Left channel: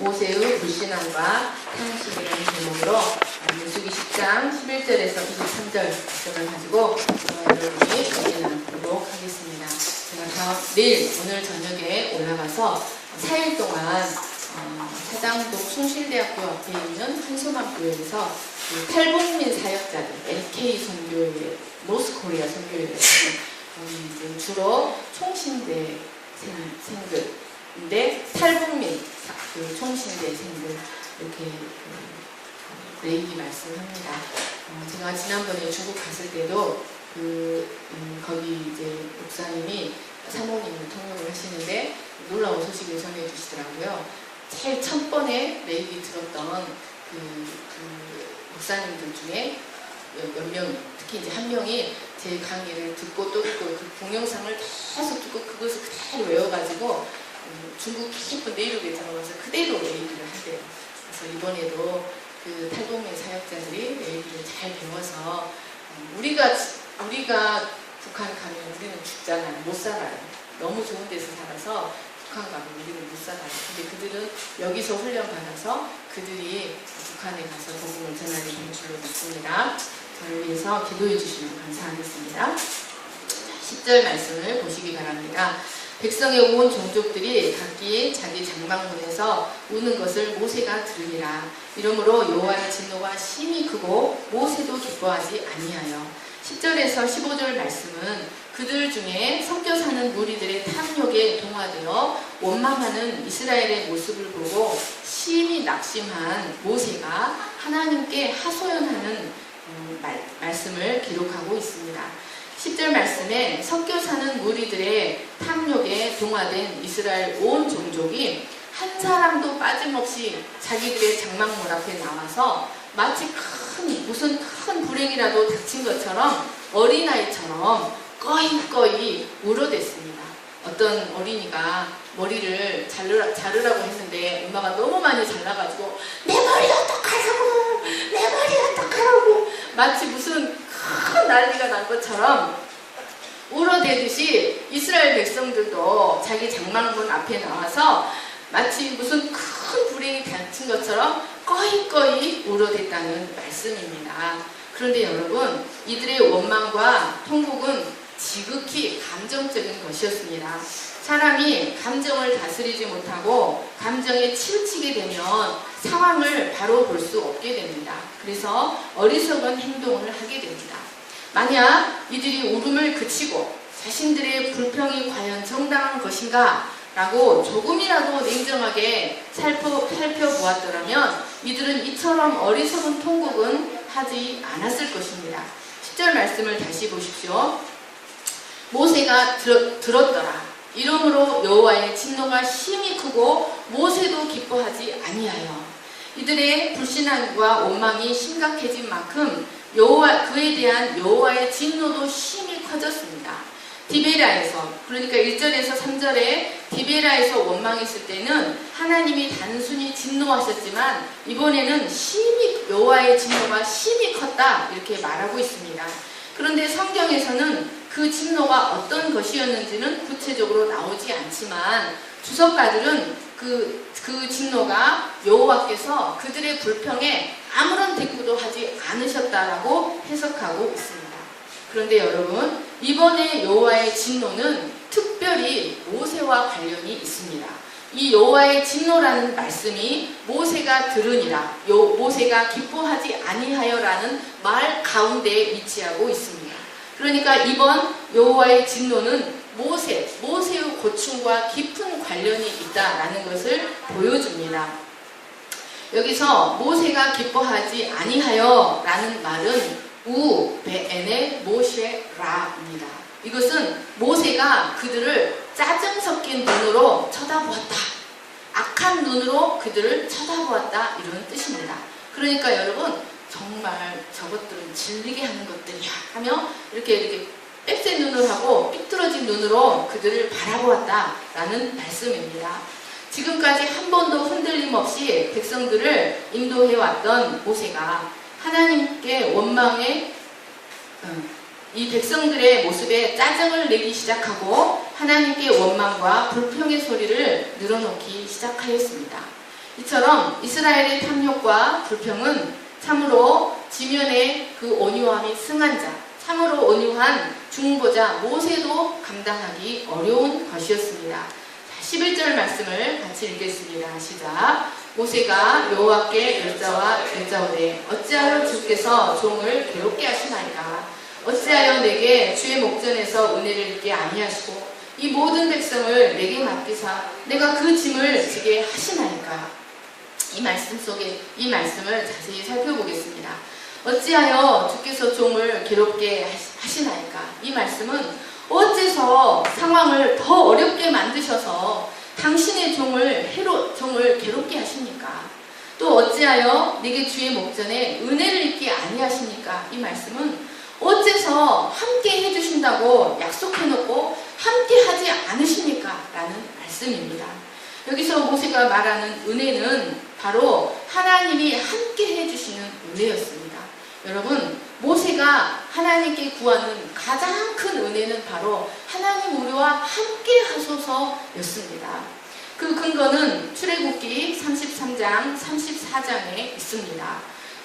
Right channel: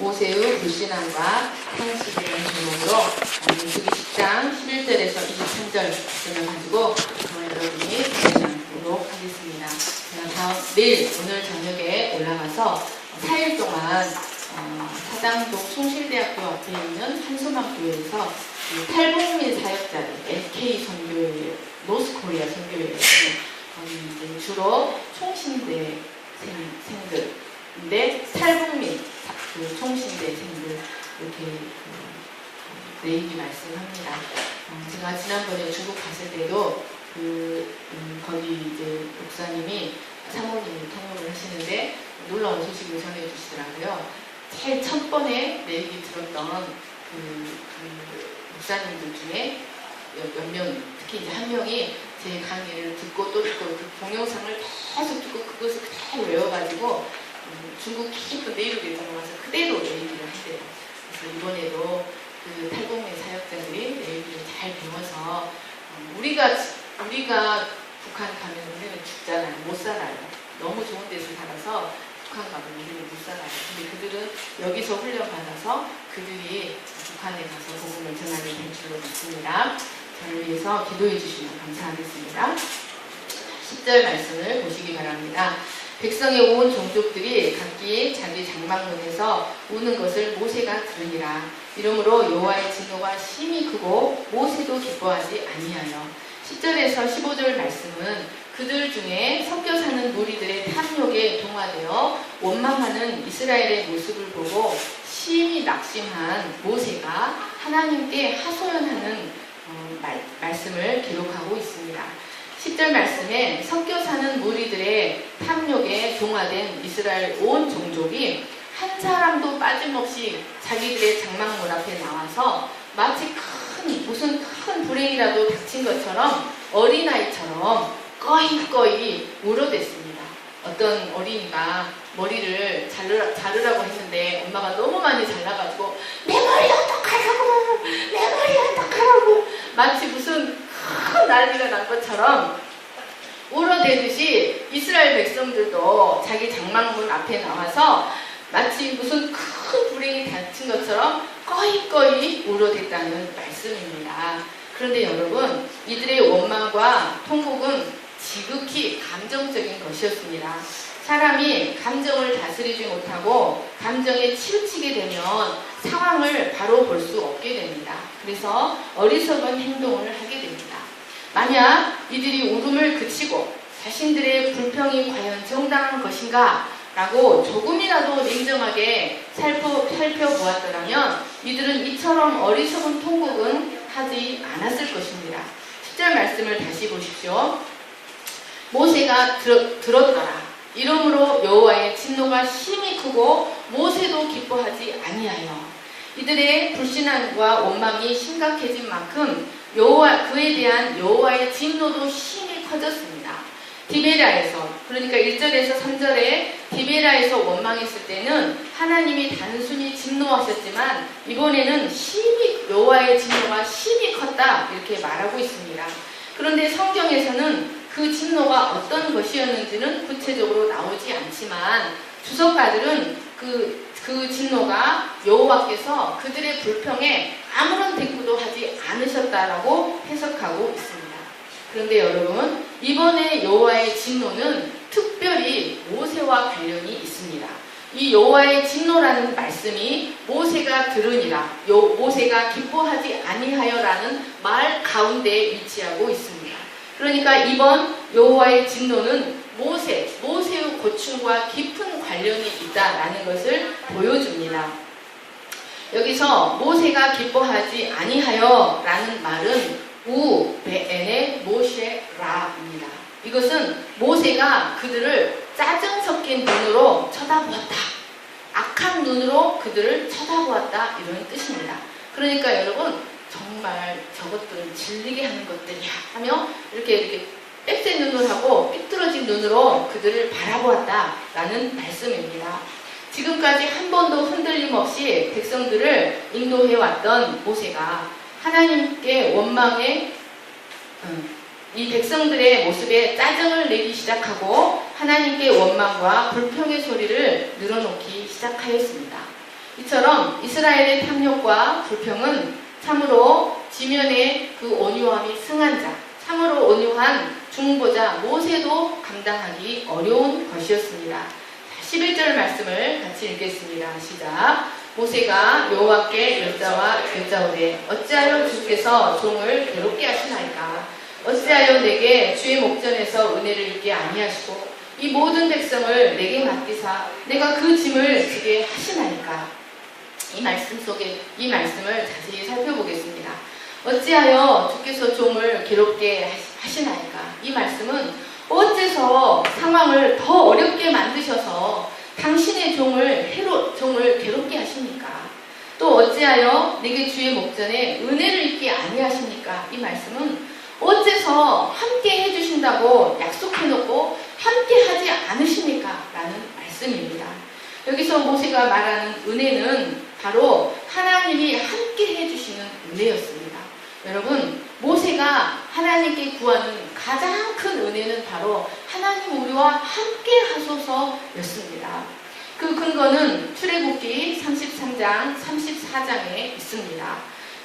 모세의 불신앙과 탄식이라는 제목으로 민수기 10장 11절에서 23절 말씀을 가지고 여러분이 진행하도록 하겠습니다. 제가 내일 오늘 저녁에 올라가서 4일 동안 사장동 숭실대학교 앞에 있는 한소망교회에서 탈북민 사역자들 LK 선교회, 노스코리아 선교회에서 주로 총신대생들인데 탈북민 총신대생들 이렇게 내일이 말씀합니다. 제가 지난번에 중국 갔을 때도 거기 이제 목사님이 사모님이 통역을 하시는데 놀라운 소식을 전해 주시더라고요. 제일 첫 번에 내일이 들었던 목사님들 중에 몇 명, 특히 이제 한 명이 제 강의를 듣고 또 듣고 그 동영상을 계속 듣고 그것을 그대로 외워가지고 중국 깊은 내륙에 들어가서 그대로 내일을 한대요. 그래서 이번에도 그 탈북민 사역자들이 내일을 잘 배워서 우리가 북한 가면 우리는 죽잖아요. 못 살아요. 너무 좋은 데서 살아서 북한 가면 우리는 못 살아요. 근데 그들은 여기서 훈련받아서 그들이 북한에 가서 복음을 전하게 될 줄로 믿습니다. 저를 위해서 기도해 주시면 감사하겠습니다. 10절 말씀을 보시기 바랍니다. 백성의 온 종족들이 각기 자기 장막문에서 우는 것을 모세가 들으니라. 이러므로 여호와의 진노가 심히 크고 모세도 기뻐하지 아니하여. 10절에서 15절 말씀은 그들 중에 섞여 사는 무리들의 탐욕에 동화되어 원망하는 이스라엘의 모습을 보고 심히 낙심한 모세가 하나님께 하소연하는 말씀을 기록하고 있습니다. 10절 말씀에 섞여 사는 무리들의 탐욕에 동화된 이스라엘 온 종족이 한 사람도 빠짐없이 자기들의 장막문 앞에 나와서 마치 무슨 큰 불행이라도 닥친 것처럼 어린아이처럼 꺼이꺼이 울어댔습니다. 어떤 어린이가 머리를 자르라고 했는데 엄마가 너무 많이 잘라가지고 내 머리 어떡하라고, 내 머리 어떡하라고 마치 무슨 큰 난리가 난 것처럼 울어대듯이 이스라엘 백성들도 자기 장막문 앞에 나와서 마치 무슨 큰 불행이 닥친 것처럼 꺼이꺼이 울어댔다는 말씀입니다. 그런데 여러분, 이들의 원망과 통곡은 지극히 감정적인 것이었습니다. 사람이 감정을 다스리지 못하고 감정에 치우치게 되면 상황을 바로 볼 수 없게 됩니다. 그래서 어리석은 행동을 하게 됩니다. 만약 이들이 울음을 그치고 자신들의 불평이 과연 정당한 것인가 라고 조금이라도 냉정하게 살펴보았더라면 이들은 이처럼 어리석은 통곡은 하지 않았을 것입니다. 10절 말씀을 다시 보십시오. 모세가 들었더라. 이러므로 여호와의 진노가 심히 크고 모세도 기뻐하지 아니하여. 이들의 불신앙과 원망이 심각해진 만큼 그에 대한 여호와의 진노도 심히 커졌습니다. 디베라에서, 그러니까 1절에서 3절에 디베라에서 원망했을 때는 하나님이 단순히 진노하셨지만 이번에는 심히 여호와의 진노가 심히 컸다 이렇게 말하고 있습니다. 그런데 성경에서는 그 진노가 어떤 것이었는지는 구체적으로 나오지 않지만 주석가들은 그 진노가 여호와께서 그들의 불평에 아무런 대꾸도 하지 않으셨다라고 해석하고 있습니다. 그런데 여러분, 이번에 여호와의 진노는 특별히 모세와 관련이 있습니다. 이 여호와의 진노라는 말씀이 모세가 들으니라, 모세가 기뻐하지 아니하여라는 말 가운데에 위치하고 있습니다. 그러니까 이번 여호와의 진노는 모세의 고충과 깊은 관련이 있다라는 것을 보여줍니다. 여기서 모세가 기뻐하지 아니하여 라는 말은 우베엔의 모셰라입니다. 이것은 모세가 그들을 짜증 섞인 눈으로 쳐다보았다. 악한 눈으로 그들을 쳐다보았다. 이런 뜻입니다. 그러니까 여러분, 정말 저것들은 질리게 하는 것들이야 하며 이렇게 빽센 눈을 하고 삐뚤어진 눈으로 그들을 바라보았다 라는 말씀입니다. 지금까지 한 번도 흔들림 없이 백성들을 인도해왔던 모세가 하나님께 원망에 이 백성들의 모습에 짜증을 내기 시작하고 하나님께 원망과 불평의 소리를 늘어놓기 시작하였습니다. 이처럼 이스라엘의 탐욕과 불평은 참으로 지면의 그 온유함이 승한 자, 참으로 온유한 중보자 모세도 감당하기 어려운 것이었습니다. 자, 11절 말씀을 같이 읽겠습니다. 시작. 모세가 여호와께 여짜오되 어찌하여 주께서 종을 괴롭게 하시나이까? 어찌하여 내게 주의 목전에서 은혜를 입게 아니하시고 이 모든 백성을 내게 맡기사 내가 그 짐을 지게 하시나이까? 이 말씀 속에 이 말씀을 자세히 살펴보겠습니다. 어찌하여 주께서 종을 괴롭게 하시나이까? 이 말씀은 어째서 상황을 더 어렵게 만드셔서 당신의 종을 괴롭게 하십니까? 또 어찌하여 내게 주의 목전에 은혜를 입게 아니하십니까? 이 말씀은 어째서 함께 해주신다고 약속해놓고 함께 하지 않으십니까? 라는 말씀입니다. 여기서 모세가 말하는 은혜는 바로 하나님이 함께 해주시는 은혜였습니다. 여러분, 모세가 하나님께 구하는 가장 큰 은혜는 바로 하나님 우리와 함께 하소서였습니다. 그 근거는 출애굽기 33장, 34장에 있습니다.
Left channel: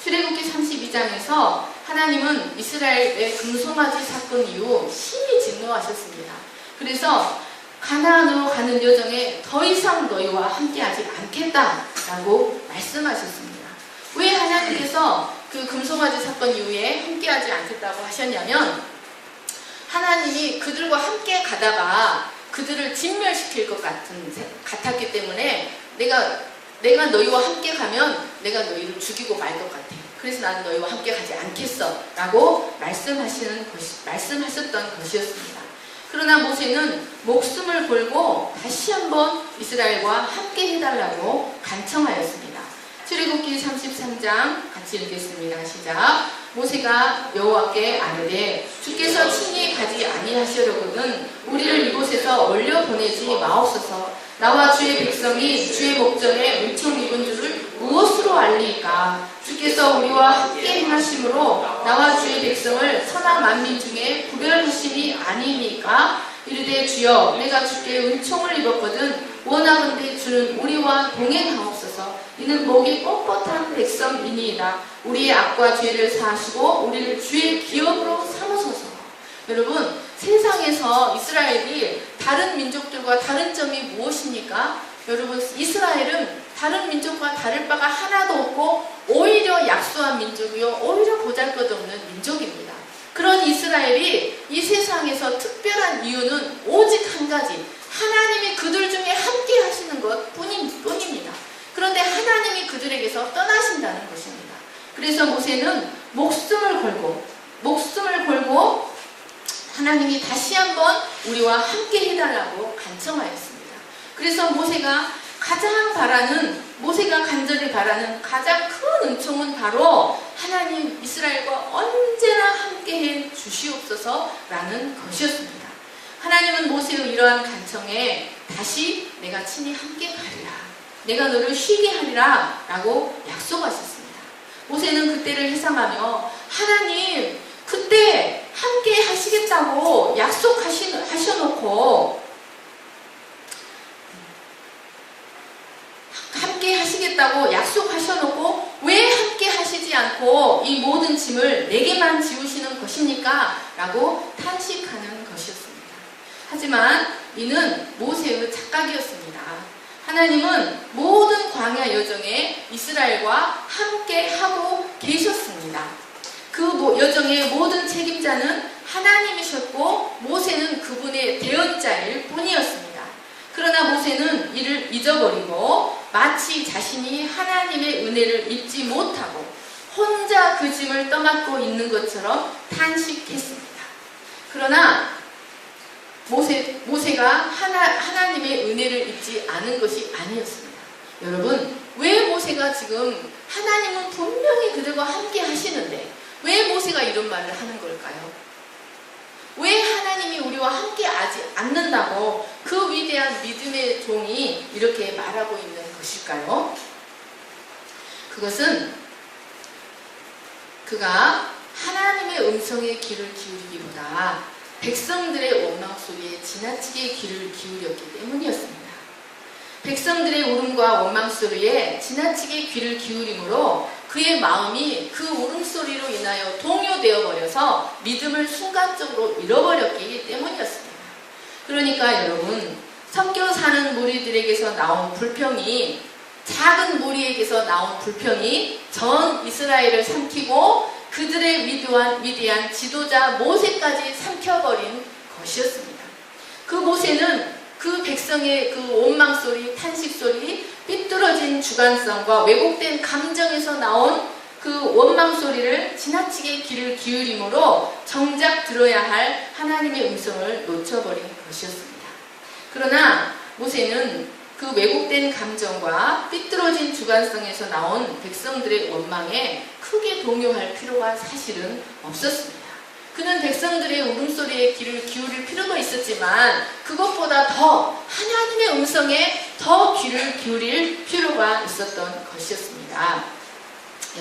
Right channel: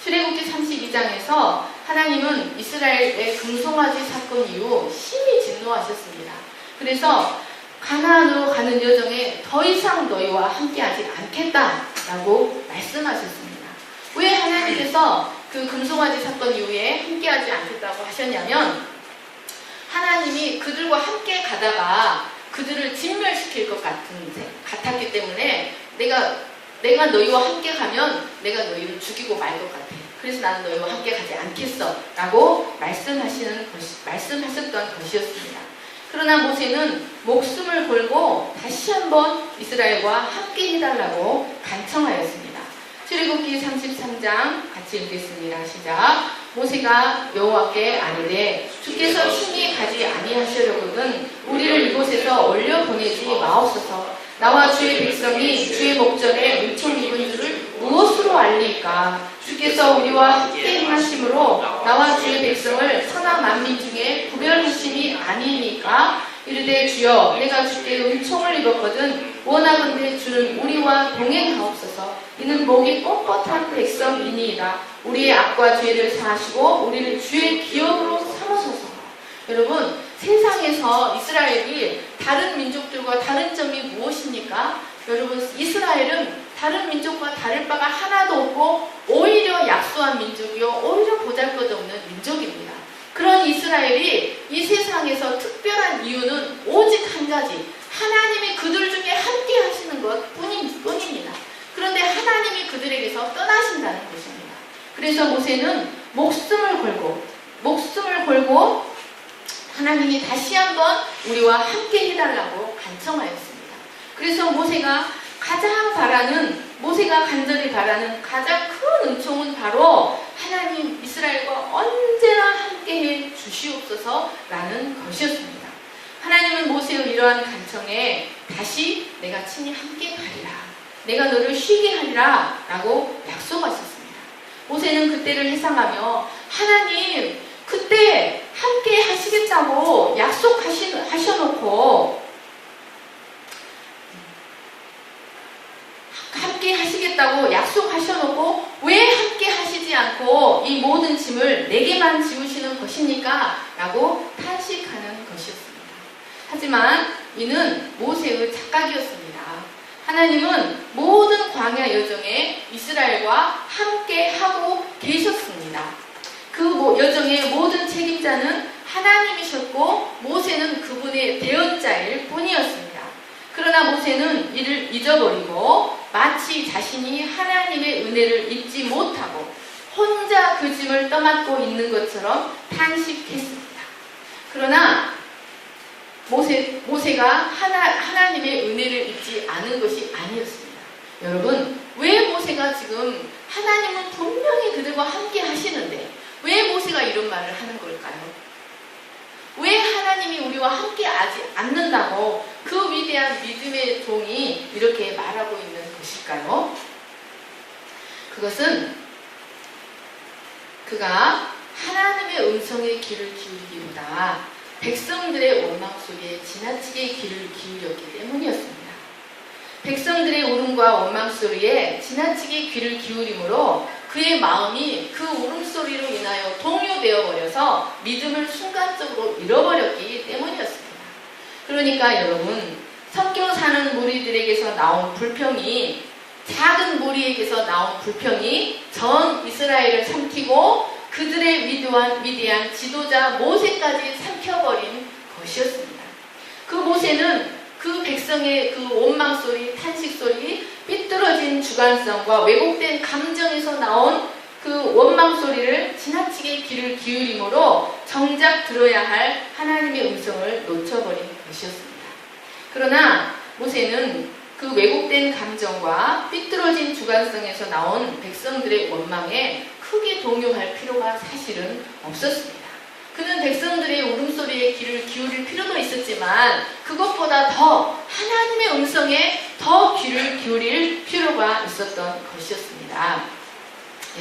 출애굽기 32장에서 하나님은 이스라엘의 금송아지 사건 이후 심히 진노하셨습니다. 그래서 가나안으로 가는 여정에 더 이상 너희와 함께하지 않겠다라고 말씀하셨습니다. 왜 하나님께서 그 금송아지 사건 이후에 함께하지 않겠다고 하셨냐면 하나님이 그들과 함께 가다가 그들을 진멸시킬 것 같았기 때문에 내가 너희와 함께 가면 내가 너희를 죽이고 말 것 같아. 그래서 나는 너희와 함께 가지 않겠어 라고 말씀하셨던 것이었습니다. 그러나 모세는 목숨을 걸고 다시 한번 이스라엘과 함께 해달라고 간청하였습니다. 출애굽기 33장 같이 읽겠습니다. 시작. 모세가 여호와께 아뢰되 주께서 친히 가지 아니하시려거든 우리를 이곳에서 올려 보내지 마옵소서. 나와 주의 백성이 주의 목전에 은총 입은 줄을 무엇으로 알리까? 주께서 우리와 함께 행하심으로 나와 주의 백성을 천하 만민 중에 구별하심이 아니니까? 이르되 주여 내가 주께 은총을 입었거든 원하건대 주는 우리와 동행하옵소서. 이는 목이 뻣뻣한 백성이니이다. 우리의 악과 죄를 사하시고 우리를 주의 기업으로 삼으소서. 여러분, 세상에서 이스라엘이 다른 민족들과 다른 점이 무엇입니까? 여러분, 이스라엘은 다른 민족과 다를 바가 하나도 없고 오히려 약소한 민족이요 오히려 보잘것없는 민족입니다. 그런 이스라엘이 이 세상에서 특별한 이유는 오직 한 가지, 하나님이 그들 중에 함께 하시는 것 뿐입니다. 그런데 하나님이 그들에게서 떠나신다는 것입니다. 그래서 모세는 목숨을 걸고 하나님이 다시 한번 우리와 함께 해달라고 간청하였습니다. 그래서 모세가 간절히 바라는 가장 큰 은총은 바로 하나님 이스라엘과 언제나 함께해 주시옵소서라는 것이었습니다. 하나님은 모세의 이러한 간청에 다시 내가 친히 함께 가리라, 내가 너를 쉬게 하리라 라고 약속하셨습니다. 모세는 그때를 회상하며 하나님 그때 함께 하시겠다고 약속하셔놓고 함께 하시겠다고 약속하셔놓고 왜 함께 하시지 않고 이 모든 짐을 내게만 지우시는 것입니까? 라고 탄식하는 것이었습니다. 하지만 이는 모세의 착각이었습니다. 하나님은 모든 광야 여정에 이스라엘과 함께 하고 계셨습니다. 그 여정의 모든 책임자는 하나님이셨고 모세는 그분의 대언자일 뿐이었습니다. 그러나 모세는 이를 잊어버리고 마치 자신이 하나님의 은혜를 입지 못하고 혼자 그 짐을 떠맡고 있는 것처럼 탄식했습니다. 그러나 모세가 하나님의 은혜를 입지 않은 것이 아니었습니다. 여러분, 왜 모세가 지금 하나님은 분명히 그들과 함께 하시는데 왜 모세가 이런 말을 하는 걸까요? 왜 하나님이 우리와 함께 하지 않는다고 그 위대한 믿음의 종이 이렇게 말하고 있는 것일까요? 그것은 그가 하나님의 음성에 귀를 기울이기보다 백성들의 원망 소리에 지나치게 귀를 기울였기 때문이었습니다. 백성들의 울음과 원망 소리에 지나치게 귀를 기울이므로 그의 마음이 그 울음소리로 인하여 동요되어 버려서 믿음을 순간적으로 잃어버렸기 때문이었습니다. 그러니까 여러분, 섞여 사는 무리들에게서 나온 불평이, 작은 무리에게서 나온 불평이 전 이스라엘을 삼키고 그들의 위대한 지도자 모세까지 삼켜버린 것이었습니다. 그 모세는 그 백성의 그 원망소리, 탄식소리, 삐뚤어진 주관성과 왜곡된 감정에서 나온 그 원망소리를 지나치게 귀를 기울임으로 정작 들어야 할 하나님의 음성을 놓쳐버린 것이었습니다. 그러나 모세는 그 왜곡된 감정과 삐뚤어진 주관성에서 나온 백성들의 원망에 크게 동요할 필요가 사실은 없었습니다. 그는 백성들의 울음소리에 귀를 기울일 필요가 있었지만 그것보다 더 하나님의 음성에 더 귀를 기울일 필요가 있었던 것이었습니다.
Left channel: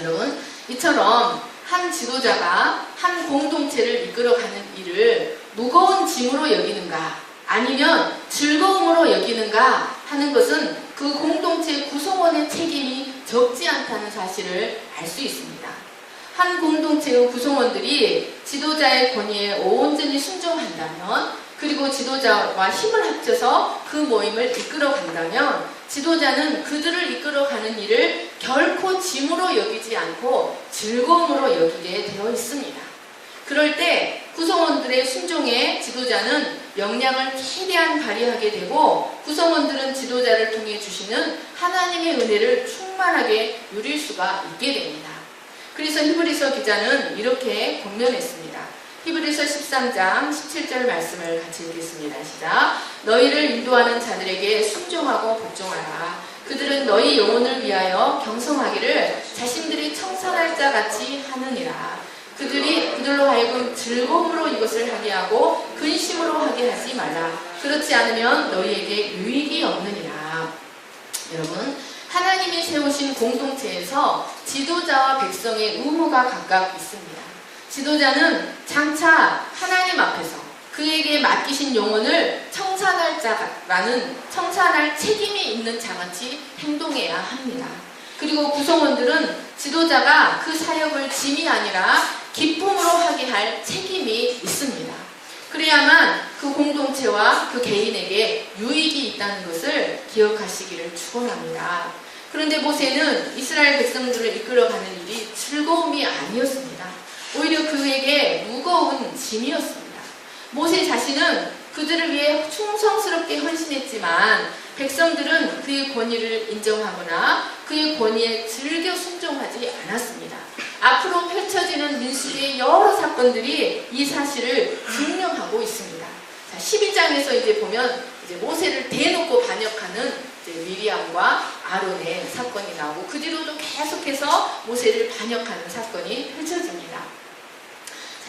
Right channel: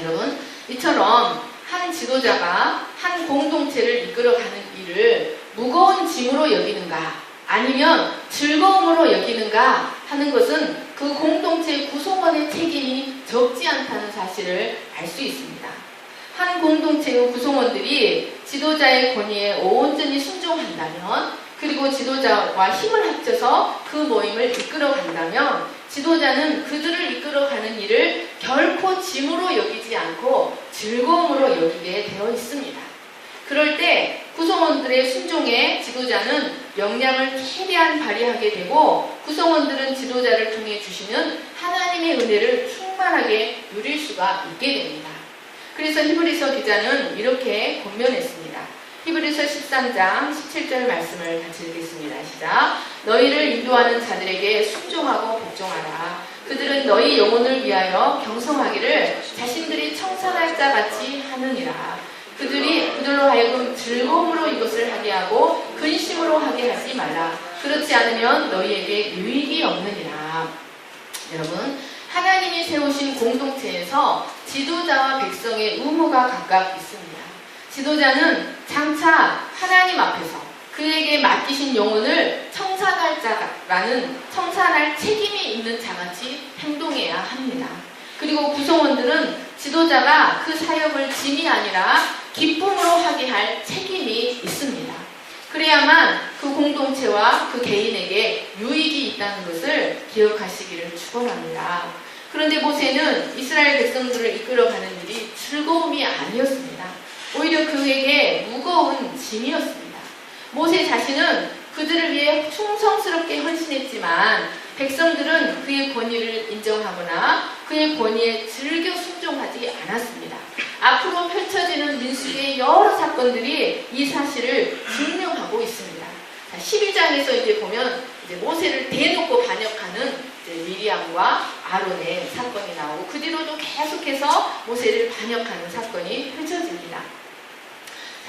여러분, 이처럼 한 지도자가 한 공동체를 이끌어가는 일을 무거운 짐으로 여기는가 아니면 즐거움으로 여기는가 하는 것은 그 공동체 구성원의 책임이 적지 않다는 사실을 알 수 있습니다. 한 공동체의 구성원들이 지도자의 권위에 온전히 순종한다면, 그리고 지도자와 힘을 합쳐서 그 모임을 이끌어간다면 지도자는 그들을 이끌어가는 일을 결코 짐으로 여기지 않고 즐거움으로 여기게 되어 있습니다. 그럴 때 구성원들의 순종에 지도자는 역량을 최대한 발휘하게 되고 구성원들은 지도자를 통해 주시는 하나님의 은혜를 충만하게 누릴 수가 있게 됩니다. 그래서 히브리서 기자는 이렇게 권면했습니다. 히브리서 13장 17절 말씀을 같이 읽겠습니다. 시작. 너희를 인도하는 자들에게 순종하고 복종하라. 그들은 너희 영혼을 위하여 경성하기를 자신들이 청산할 자 같이 하느니라. 그들로 하여금 즐거움으로 이것을 하게 하고 근심으로 하게 하지 말라. 그렇지 않으면 너희에게 유익이 없느니라. 여러분, 하나님이 세우신 공동체에서 지도자와 백성의 의무가 각각 있습니다. 지도자는 장차 하나님 앞에서 그에게 맡기신 영혼을 청산할 자라는 청산할 책임이 있는 자같이 행동해야 합니다. 그리고 구성원들은 지도자가 그 사역을 짐이 아니라 기쁨으로 하게 할 책임이 있습니다. 그래야만 그 공동체와 그 개인에게 유익이 있다는 것을 기억하시기를 축원합니다. 그런데 모세는 이스라엘 백성들을 이끌어가는 일이 즐거움이 아니었습니다. 오히려 그에게 무거운 짐이었습니다. 모세 자신은 그들을 위해 충성스럽게 헌신했지만 백성들은 그의 권위를 인정하거나 그의 권위에 즐겨 순종하지 않았습니다. 앞으로 펼쳐지는 민수기의 여러 사건들이 이 사실을 증명하고 있습니다. 자, 12장에서 이제 보면 이제 모세를 대놓고 반역하는 미리암과 아론의 사건이 나오고 그 뒤로도 계속해서 모세를 반역하는 사건이 펼쳐집니다.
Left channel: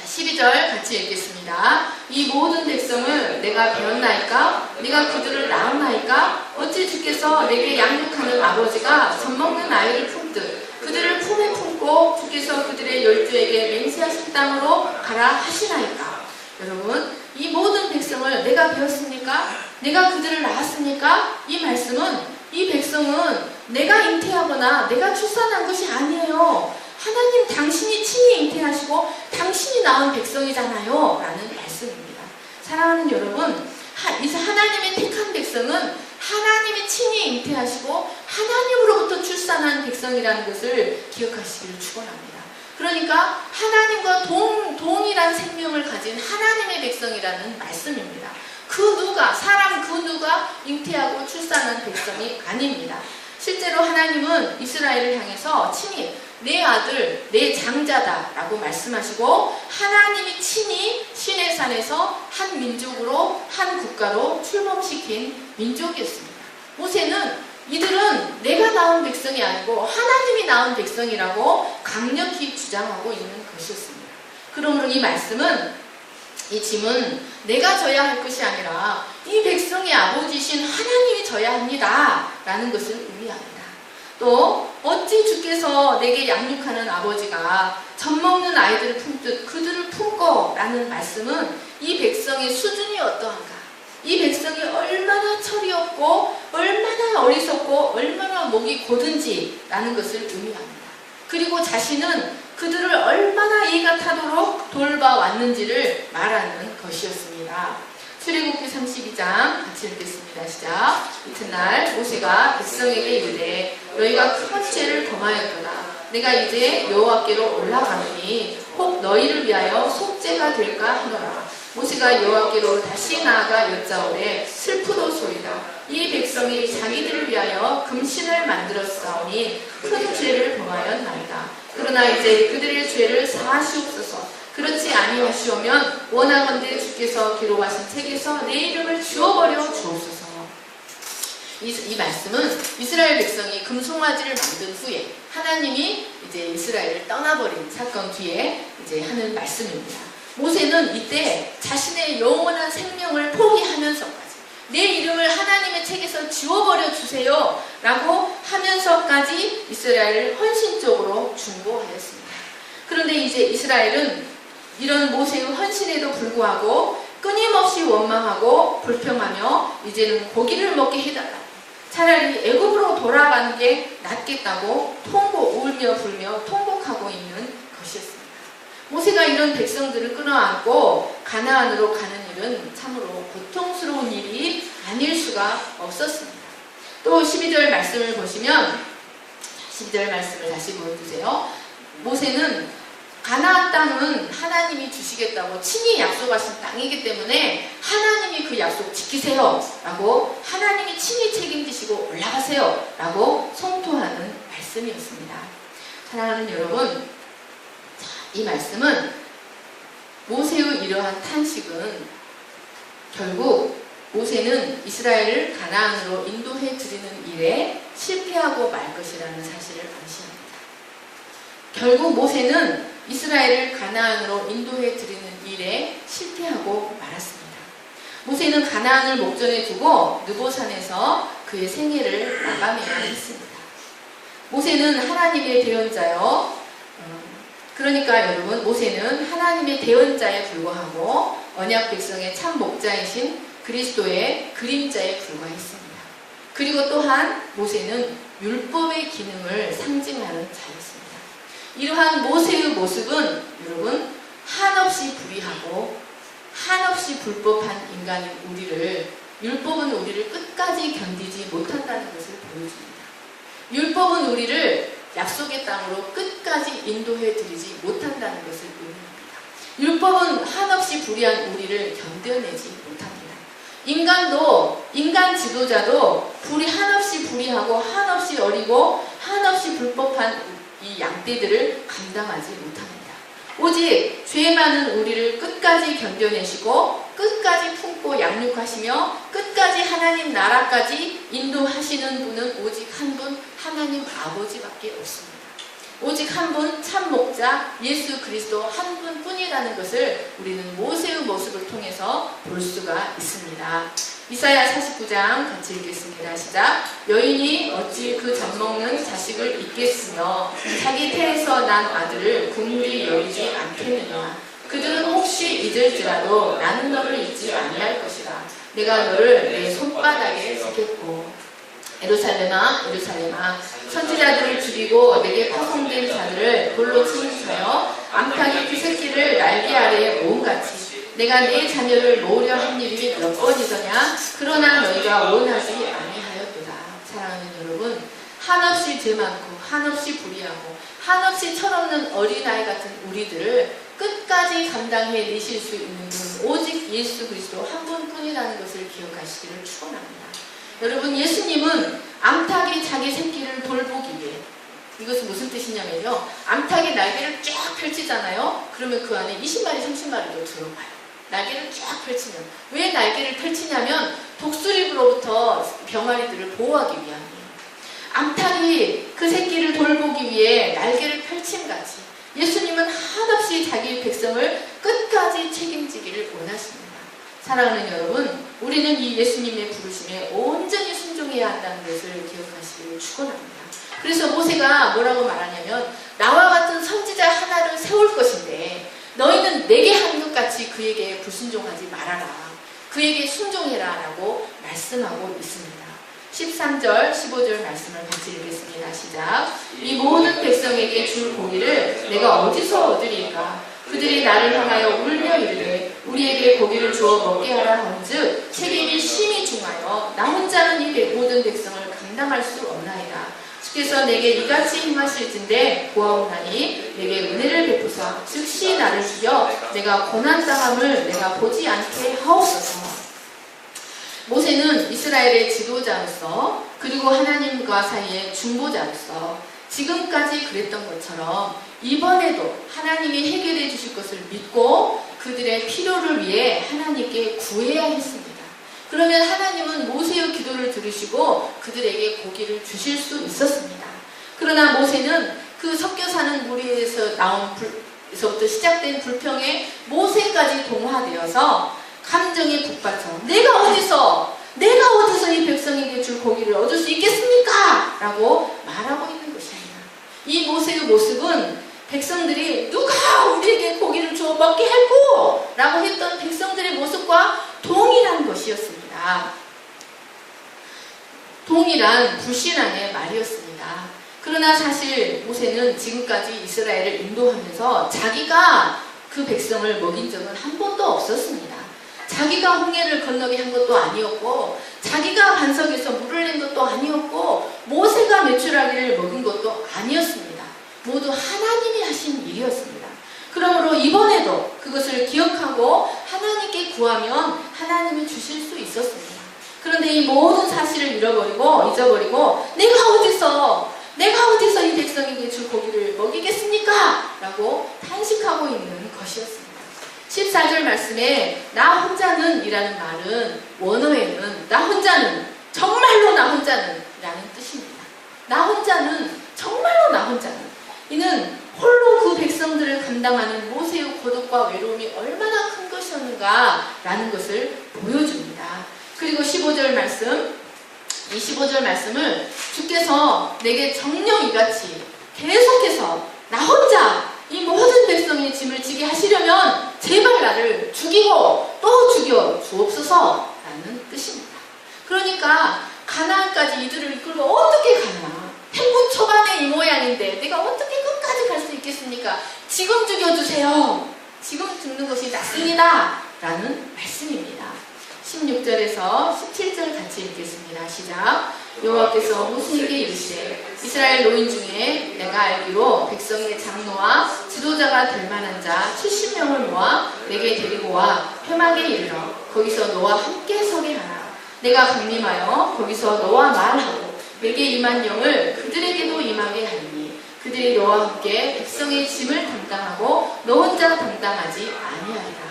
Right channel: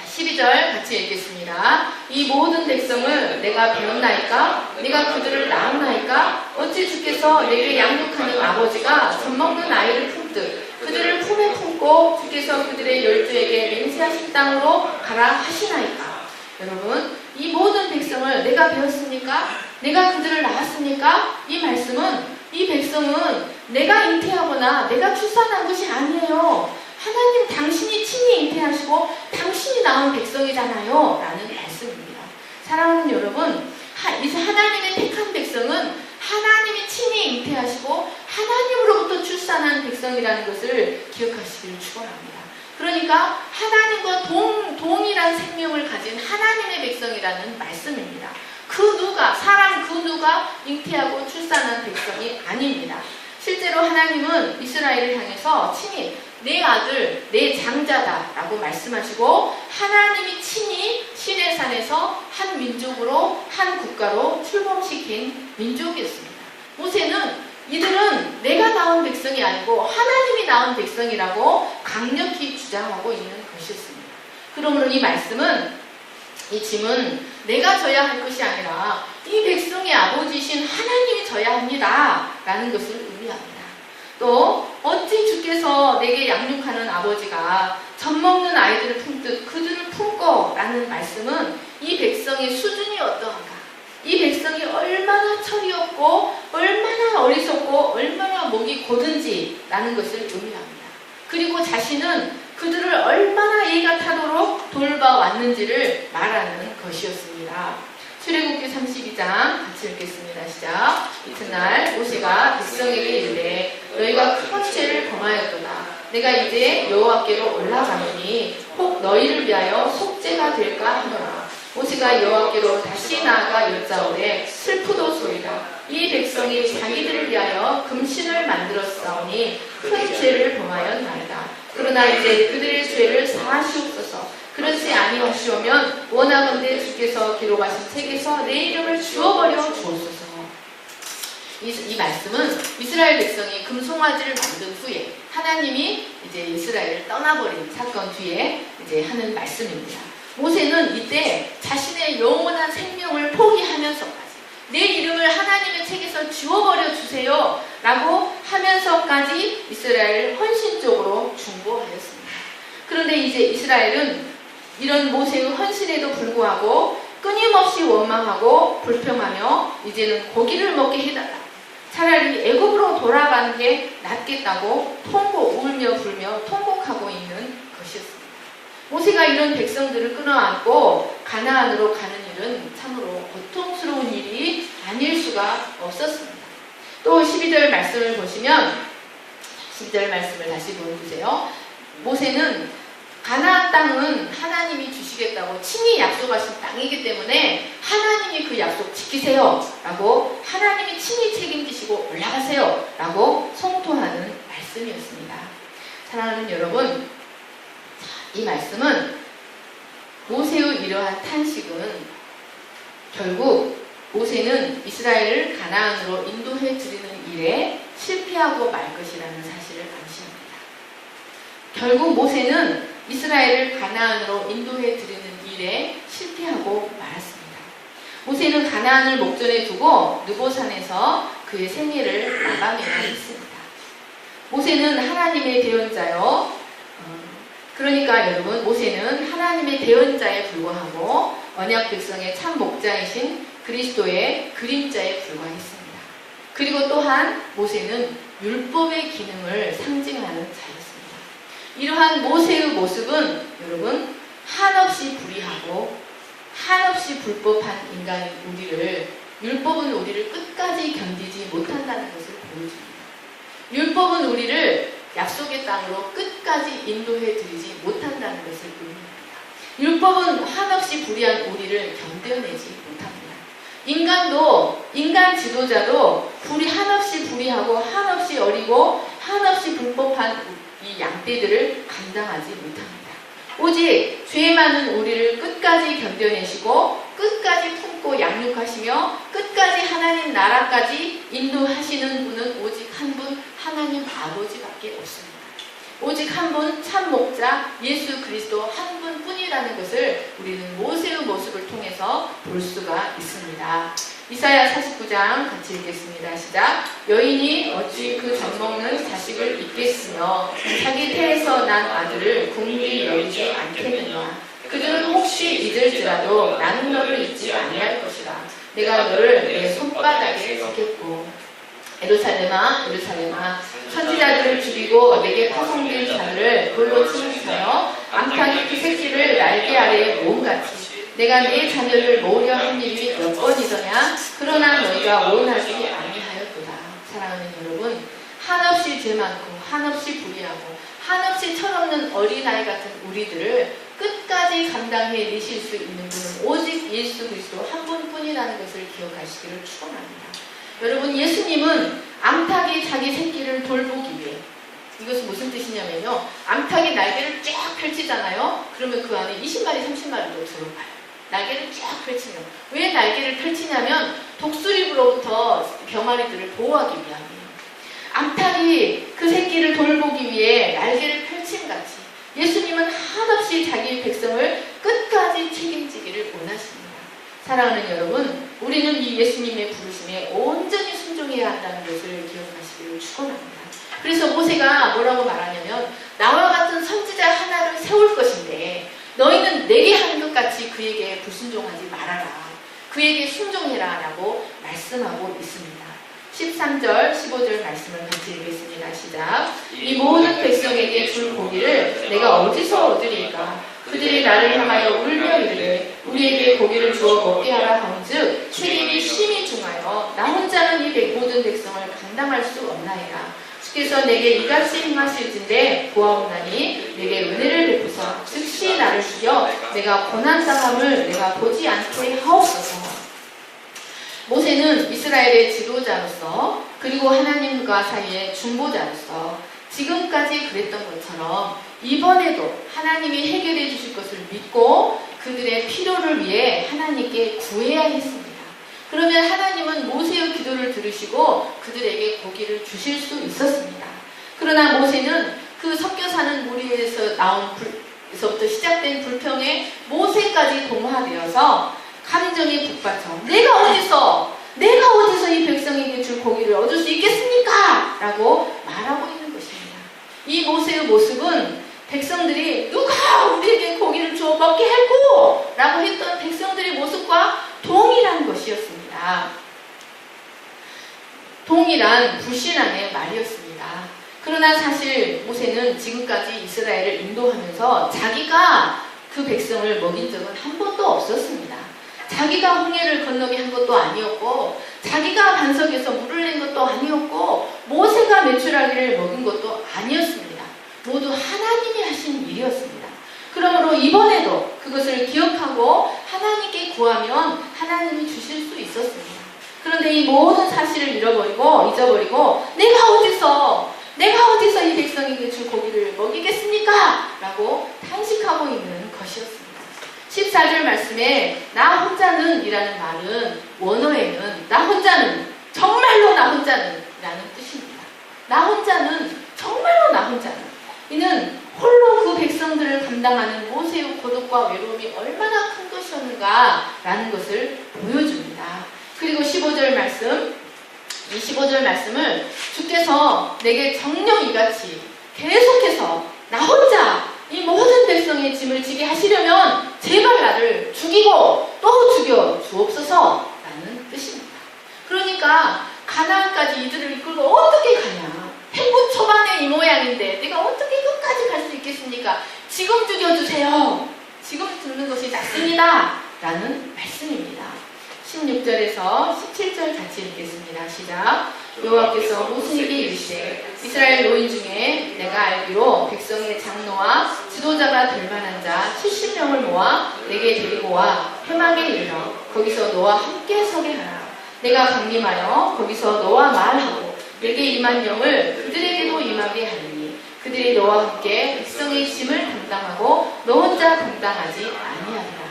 12절 같이 읽겠습니다. 이 모든 백성을 내가 배웠나이까? 내가 그들을 낳았나이까? 어찌 주께서 내게 양육하는 아버지가 젖먹는 아이를 품듯 그들을 품에 품고 주께서 그들의 열조에게 맹세하신 땅으로 가라 하시나이까? 여러분, 이 모든 백성을 내가 배웠습니까? 내가 그들을 낳았습니까? 이 말씀은 이 백성은 내가 잉태하거나 내가 출산한 것이 아니에요. 하나님 당신이 친히 잉태하시고 당신이 낳은 백성이잖아요 라는 말씀입니다. 사랑하는 여러분, 하나님의 택한 백성은 하나님이 친히 잉태하시고 하나님으로부터 출산한 백성이라는 것을 기억하시기를 축원합니다. 그러니까 하나님과 동일한 생명을 가진 하나님의 백성이라는 말씀입니다. 사람 그 누가 잉태하고 출산한 백성이 아닙니다. 실제로 하나님은 이스라엘을 향해서 친히 내 아들, 내 장자다 라고 말씀하시고 하나님이 친히 시내산에서 한 민족으로 한 국가로 출범시킨 민족이었습니다. 모세는 이들은 내가 낳은 백성이 아니고 하나님이 낳은 백성이라고 강력히 주장하고 있는 것이었습니다. 그러므로 이 말씀은 이 짐은 내가 져야 할 것이 아니라 이 백성의 아버지이신 하나님이 져야 합니다 라는 것을 의미합니다. 또 어찌 주께서 내게 양육하는 아버지가 젖먹는 아이들을 품듯 그들을 품고 라는 말씀은 이 백성의 수준이 어떠한가, 이 백성이 얼마나 철이 없고 얼마나 어리석고 얼마나 목이 고든지라는 것을 의미합니다. 그리고 자신은 그들을 얼마나 이가 타도록 돌봐왔는지를 말하는 것이었습니다. 출애굽기 32장 같이 읽겠습니다. 시작. 이튿날 모세가 백성에게 이르되 너희가 큰 죄를 범하였도다. 내가 이제 여호와께로 올라가느니 혹 너희를 위하여 속죄가 될까 하노라. 모세가 여호와께로 다시 나아가 여짜오되 슬프도소이다. 이 백성이 자기들을 위하여 금신을 만들었사오니 큰 죄를 범하였나이다. 그러나 이제 그들의 죄를 사하시옵소서. 그렇지 아니하시오면 원하건대 주께서 기록하신 책에서 내 이름을 지워버려 주옵소서. 이 말씀은 이스라엘 백성이 금송아지를 만든 후에 하나님이 이제 이스라엘을 떠나버린 사건 뒤에 이제 하는 말씀입니다. 모세는 이때 자신의 영원한 생명을 포기하면서까지 내 이름을 하나님의 책에서 지워버려 주세요 라고 하면서까지 이스라엘을 헌신적으로 중보하였습니다. 그런데 이제 이스라엘은 이런 모세의 헌신에도 불구하고 끊임없이 원망하고 불평하며 이제는 고기를 먹게 해달라. 차라리 애굽으로 돌아가는 게 낫겠다고 울며 불며 통곡하고 있는 것이었습니다. 모세가 이런 백성들을 끌어안고 가나안으로 가는 일은 참으로 고통스러운 일이 아닐 수가 없었습니다. 또 12절 말씀을 보시면 12절 말씀을 다시 보여주세요. 모세는 가나안 땅은 하나님이 주시겠다고 친히 약속하신 땅이기 때문에 하나님이 그 약속 지키세요 라고 하나님이 친히 책임지시고 올라가세요 라고 성토하는 말씀이었습니다. 사랑하는 여러분, 이 말씀은 모세의 이러한 탄식은 결국 모세는 이스라엘을 가나안으로 인도해 드리는 일에 실패하고 말 것이라는 사실을 암시합니다. 결국 모세는 이스라엘을 가나안으로 인도해 드리는 일에 실패하고 말았습니다. 모세는 가나안을 목전에 두고 느보산에서 그의 생애를 마감해야 했습니다. 모세는 하나님의 대언자요. 그러니까 여러분, 모세는 하나님의 대언자에 불과하고 언약 백성의 참 목자이신 그리스도의 그림자에 불과했습니다. 그리고 또한 모세는 율법의 기능을 상징하는 자였습니다. 이러한 모세의 모습은 여러분 한없이 불의하고 한없이 불법한 인간인 우리를, 율법은 우리를 끝까지 견디지 못한다는 것을 보여줍니다. 율법은 우리를 약속의 땅으로 끝까지 인도해 드리지 못한다는 것을 의미합니다. 율법은 한없이 불의한 우리를 견뎌내지 못합니다. 인간 지도자도 한없이 불의하고 한없이 어리고 한없이 불법한 이 양떼들을 감당하지 못합니다. 오직 죄 많은 우리를 끝까지 견뎌내시고 끝까지 품고 양육하시며 끝까지 하나님 나라까지 인도하시는 분은 오직 한 분, 하나님 아버지밖에 없습니다. 오직 한 분 참 목자 예수 그리스도 한 분뿐이라는 것을 우리는 모세의 모습을 통해서 볼 수가 있습니다. 이사야 49장 같이 읽겠습니다. 시작. 여인이 어찌 그 젖먹는 자식을 잊겠으며 자기 태에서 난 아들을 국물이 여리지 않겠느냐. 그들은 혹시 잊을지라도 나는 너를 잊지 아니할 것이라. 내가 너를 내 손바닥에 쓰겠고. 예루살렘아 예루살렘아 선지자들을 죽이고 내게 파송된 자들을 돌로 치는 자여 암탉이 그 새끼를 날개 아래에 모음같이 내가 네 자녀를 모으려 한 일이 몇 번이더냐. 그러나 너희가 원하지 아니하였도다. 사랑하는 여러분, 한없이 죄 많고 한없이 불의하고 한없이 철없는 어린아이 같은 우리들을 끝까지 감당해 내실 수 있는 분은 오직 예수 그리스도 한 분뿐이라는 것을 기억하시기를 축원합니다. 여러분, 예수님은 암탉이 자기 새끼를 돌보기 위해, 이것은 무슨 뜻이냐면요, 암탉이 날개를 쫙 펼치잖아요. 그러면 그 안에 20마리 30마리도 들어가요. 날개를 쫙 펼치면. 왜 날개를 펼치냐면 독수리로부터 병아리들을 보호하기 위함이에요. 암탉이 그 새끼를 돌보기 위해 날개를 펼침같이 예수님은 한없이 자기 백성을 끝까지 책임지기를 원하십니다. 사랑하는 여러분, 우리는 이 예수님의 부르심에 온전히 순종해야 한다는 것을 기억하시기를 축원합니다. 그래서 모세가 뭐라고 말하냐면 나와 같은 선지자 하나를 세울 것인데 너희는 내게 한 것 같이 그에게 불순종하지 말아라. 그에게 순종해라 라고 말씀하고 있습니다. 13절, 15절 말씀을 같이 읽겠습니다. 시작. 이 모든 백성에게 줄 고기를 내가 어디서 얻으리까? 그들이 나를 향하여 울며 이르되 우리에게 고기를 주어 먹게 하라 하온즉 세립이 심히 중하여 나 혼자는 이 모든 백성을 감당할 수 없나이다. 주께서 내게 이같이 행하실진대 보아오나니 내게 은혜를 베푸사 즉시 나를 주여 내가 고난당함을 내가 보지 않게 하옵소서. 모세는 이스라엘의 지도자로서 그리고 하나님과 사이의 중보자로서 지금까지 그랬던 것처럼 이번에도 하나님이 해결해 주실 것을 믿고 그들의 필요를 위해 하나님께 구해야 했습니다. 그러면 하나님은 모세의 기도를 들으시고 그들에게 고기를 주실 수 있었습니다. 그러나 모세는 그 섞여 사는 무리에서 에서부터 시작된 불평에 모세까지 동화되어서 감정에 북받쳐 내가 어디서 이 백성에게 줄 고기를 얻을 수 있겠습니까? 라고 말하고 있는 것입니다. 이 모세의 모습은 백성들이 누가 우리에게 고기를 주어 먹게 할꼬? 라고 했던 백성들의 모습과 동일한 것이었습니다. 동일한 불신앙의 말이었습니다. 그러나 사실 모세는 지금까지 이스라엘을 인도하면서 자기가 그 백성을 먹인 적은 한 번도 없었습니다. 자기가 홍해를 건너게 한 것도 아니었고 자기가 반석에서 물을 낸 것도 아니었고 모세가 메추라기를 먹인 것도 아니었습니다. 모두 하나님이 하신 일이었습니다. 그러므로 이번에도 그것을 기억하고 하나님께 구하면 하나님이 주실 수 있었습니다. 그런데 이 모든 사실을 잊어버리고 내가 어디서 이 백성에게 줄 고기를 먹이겠습니까? 라고 탄식하고 있는 것이었습니다. 14절 말씀에 나 혼자는 이라는 말은 원어에는 나 혼자는 정말로 나 혼자는 라는 뜻입니다. 나 혼자는 정말로 나 혼자는 이는 홀로 그 백성들을 감당하는 모세의 고독과 외로움이 얼마나 큰 것이었는가 라는 것을 보여줍니다. 그리고 15절 말씀 이 15절 말씀을 주께서 내게 정령 이같이 계속해서 나 혼자 이 모든 백성의 짐을 지게 하시려면 제발 나를 죽이고 또 죽여 주옵소서 라는 뜻입니다. 그러니까 가나안까지 이들을 이끌고 어떻게 가냐. 행군 초반에 이 모양인데 내가 어떻게 끝까지 갈 수 있겠습니까? 지금 죽여주세요. 지금 죽는 것이 낫습니다. 라는 말씀입니다. 16절에서 17절 같이 읽겠습니다. 시작. 여호와께서 모세에게 이르시되 이스라엘 노인 중에 내가 알기로 백성의 장로와 지도자가 될 만한 자 70명을 모아 내게 데리고 와 회막에 이르러 거기서 너와 함께 서게 하라. 내가 강림하여 거기서 너와 말하고 내게 임한 영을 그들에게도 임하게 하리니 그들이 너와 함께 백성의 짐을 담당하고 너 혼자 담당하지 아니하리라.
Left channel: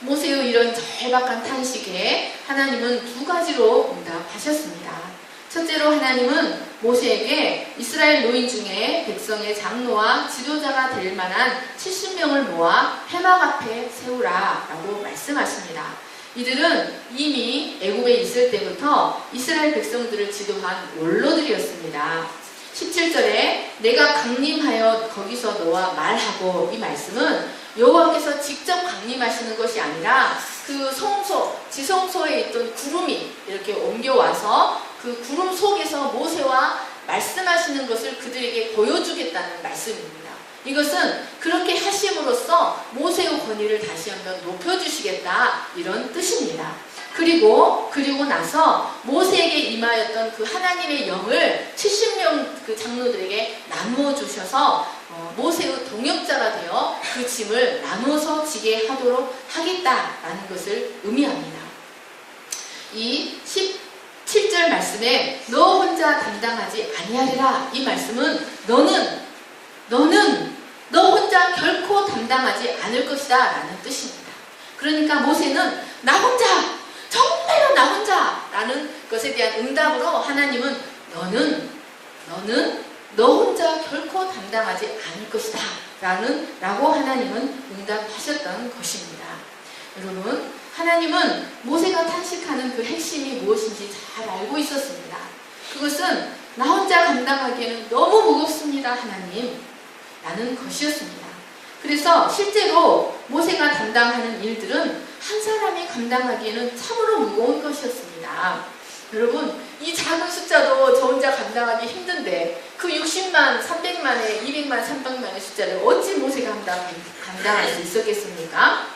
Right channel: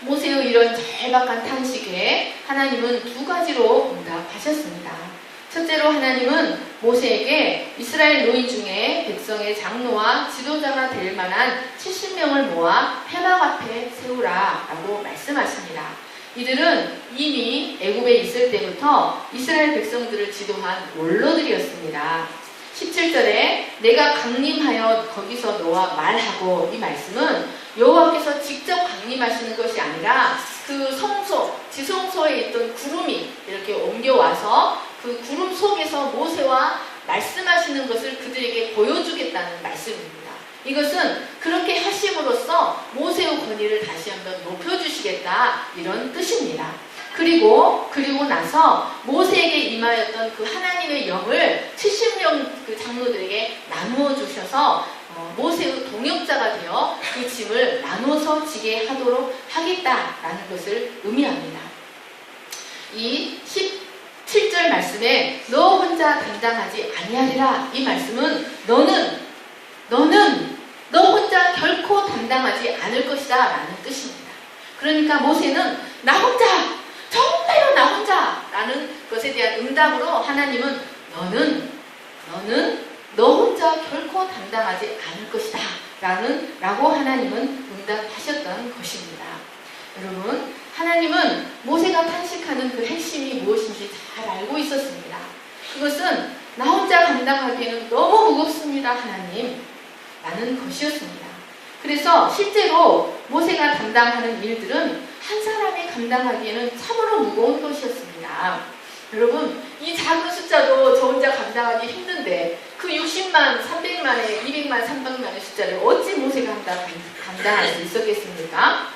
모세의 이런 절박한 탄식에 하나님은 두 가지로 응답하셨습니다. 첫째로 하나님은 모세에게 이스라엘 노인 중에 백성의 장로와 지도자가 될 만한 70명을 모아 회막 앞에 세우라 라고 말씀하십니다. 이들은 이미 애굽에 있을 때부터 이스라엘 백성들을 지도한 원로들이었습니다. 17절에 내가 강림하여 거기서 너와 말하고 이 말씀은 여호와께서 직접 강림하시는 것이 아니라 그 지성소에 있던 구름이 이렇게 옮겨와서 그 구름 속에서 모세와 말씀하시는 것을 그들에게 보여주겠다는 말씀입니다. 이것은 그렇게 하심으로써 모세의 권위를 다시 한번 높여주시겠다 이런 뜻입니다. 그리고 나서 모세에게 임하였던 그 하나님의 영을 70명 그 장로들에게 나누어 주셔서 모세의 동역자가 되어 그 짐을 나눠서 지게 하도록 하겠다라는 것을 의미합니다. 이 17절 말씀에 너 혼자 담당하지 아니하리라 이 말씀은 너는 너 혼자 결코 담당하지 않을 것이다 라는 뜻입니다. 그러니까 모세는 나 혼자 정말로 나 혼자 라는 것에 대한 응답으로 하나님은 너는 너 혼자 결코 담당하지 않을 것이다 라고 하나님은 응답하셨던 것입니다. 여러분 하나님은 모세가 탄식하는 그 핵심이 무엇인지 잘 알고 있었습니다. 그것은 나 혼자 감당하기에는 너무 무겁습니다 하나님 라는 것이었습니다. 그래서 실제로 모세가 담당하는 일들은 한 사람이 감당하기에는 참으로 무거운 것이었습니다. 여러분, 이 작은 숫자도 저 혼자 감당하기 힘든데 그 60만, 300만에 200만, 300만의 숫자를 어찌 모세가 감당할 수 있었겠습니까?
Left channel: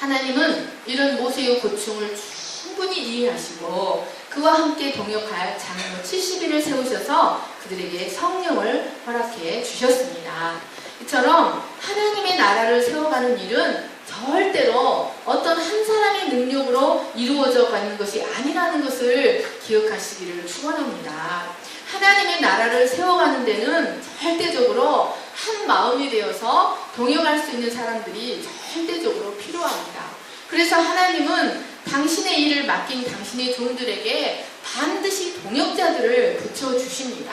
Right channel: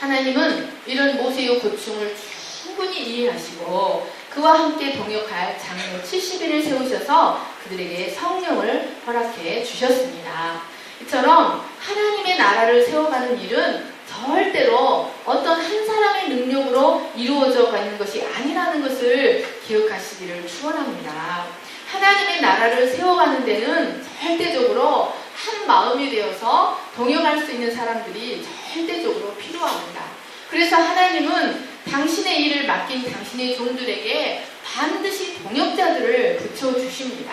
하나님은 이런 모세의 고충을 충분히 이해하시고 그와 함께 동역할 장로 70인을 세우셔서 그들에게 성령을 허락해 주셨습니다. 이처럼 하나님의 나라를 세워가는 일은 절대로 어떤 한 사람의 능력으로 이루어져 가는 것이 아니라는 것을 기억하시기를 축원합니다. 하나님의 나라를 세워가는 데는 절대적으로 한 마음이 되어서 동역할 수 있는 사람들이 절대적으로 필요합니다. 그래서 하나님은 당신의 일을 맡긴 당신의 종들에게 반드시 동역자들을 붙여주십니다.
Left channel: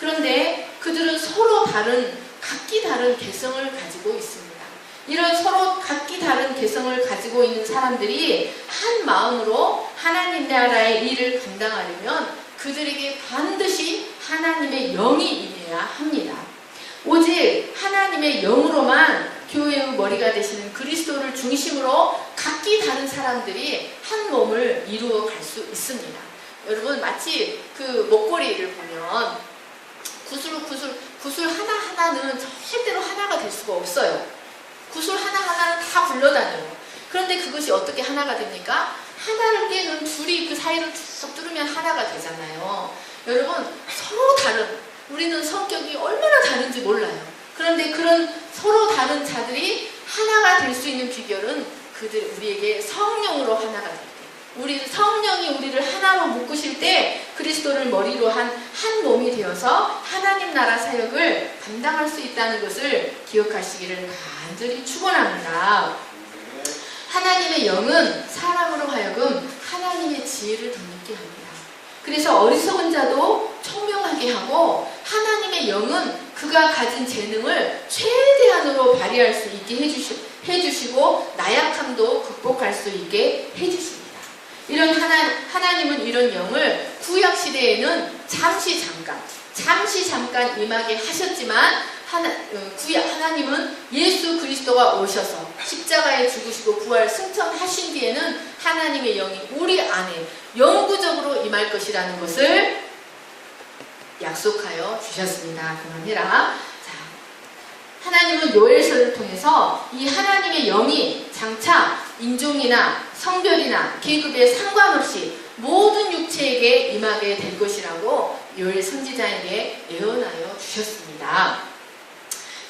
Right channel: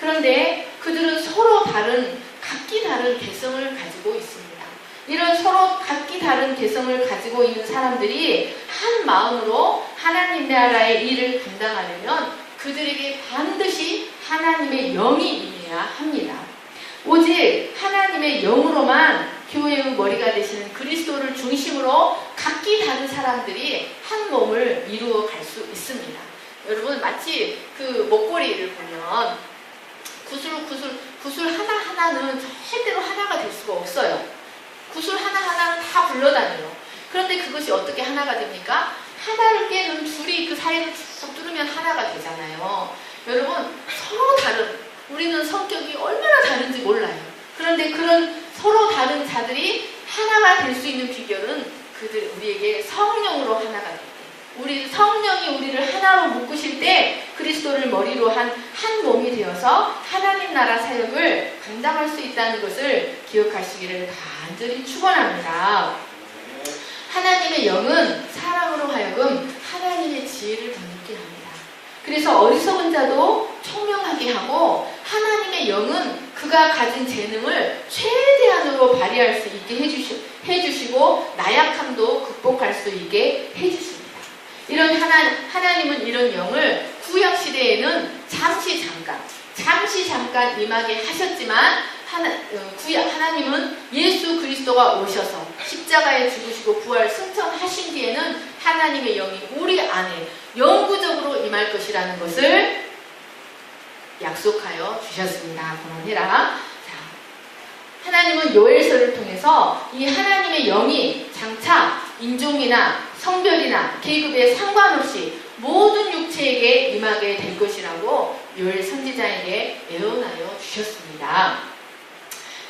그런데 그들은 서로 각기 다른 개성을 가지고 있습니다. 이런 서로 각기 다른 개성을 가지고 있는 사람들이 한 마음으로 하나님 나라의 일을 감당하려면 그들에게 반드시 하나님의 영이 임해야 합니다. 오직 하나님의 영으로만 교회의 머리가 되시는 그리스도를 중심으로 각기 다른 사람들이 한 몸을 이루어 갈 수 있습니다. 여러분, 마치 그 목걸이를 보면 구슬 하나하나는 절대로 하나가 될 수가 없어요. 구슬 하나하나는 다 굴러다녀요. 그런데 그것이 어떻게 하나가 됩니까? 하나를 깨는 줄이 그 사이를 쭉 뚫으면 하나가 되잖아요. 여러분, 서로 다른, 우리는 성격이 얼마나 다른지 몰라요. 그런데 그런 서로 다른 자들이 하나가 될 수 있는 비결은 우리에게 성령으로 하나가 될 때, 성령이 우리를 하나로 묶으실 때 그리스도를 머리로 한 몸이 되어서 하나님 나라 사역을 감당할 수 있다는 것을 기억하시기를 간절히 축원합니다. 하나님의 영은 사람으로 하여금 하나님의 지혜를 덧입게 합니다. 그래서 어리석은 자도 총명하게 하고 하나님의 영은 그가 가진 재능을 최대한으로 발휘할 수 있게 해주시고 나약함도 극복할 수 있게 해주십니다. 이런 하나님은 이런 영을 구약시대에는 잠시 잠깐 임하게 하셨지만 하나님은 예수 그리스도가 오셔서 십자가에 죽으시고 부활 승천하신 뒤에는 하나님의 영이 우리 안에 영구적으로 임할 것이라는 것을 약속하여 주셨습니다. 그러니라 하나님은 요엘서를 통해서 이 하나님의 영이 장차 인종이나 성별이나 계급에 상관없이 모든 육체에게 임하게 될 것이라고 요엘 선지자에게 예언하여 주셨습니다.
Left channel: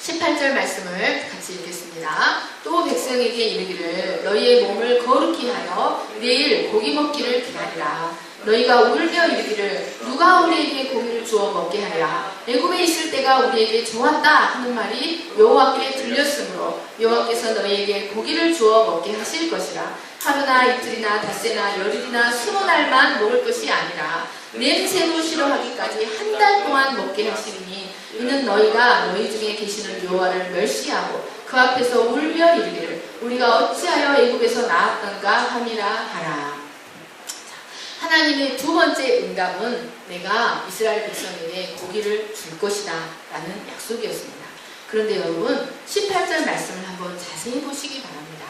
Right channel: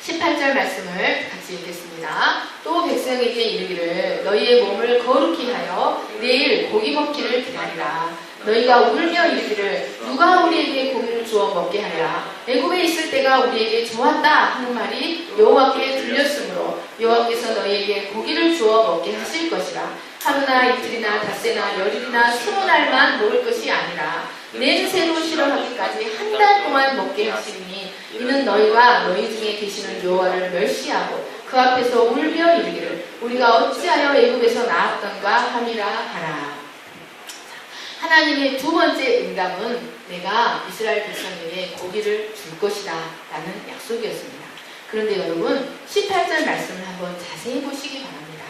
18절 말씀을 같이 읽겠습니다. 또 백성에게 이르기를 너희의 몸을 거룩히 하여 내일 고기 먹기를 기다리라. 너희가 울며 이르기를 누가 우리에게 고기를 주어 먹게 하랴. 애굽에 있을 때가 우리에게 좋았다 하는 말이 여호와께 들렸으므로 여호와께서 너희에게 고기를 주어 먹게 하실 것이라. 하루나 이틀이나 닷새나 열일이나 20날만 먹을 것이 아니라 냄새로 싫어하기까지 한 달 동안 먹게 하시리니 이는 너희가 너희 중에 계시는 여호와를 멸시하고 그 앞에서 울며 이르기를 우리가 어찌하여 애굽에서 나왔던가 함이라 하라. 하나님의 두 번째 응답은 내가 이스라엘 백성에게 고기를 줄 것이다 라는 약속이었습니다. 그런데 여러분 18절 말씀을 한번 자세히 보시기 바랍니다.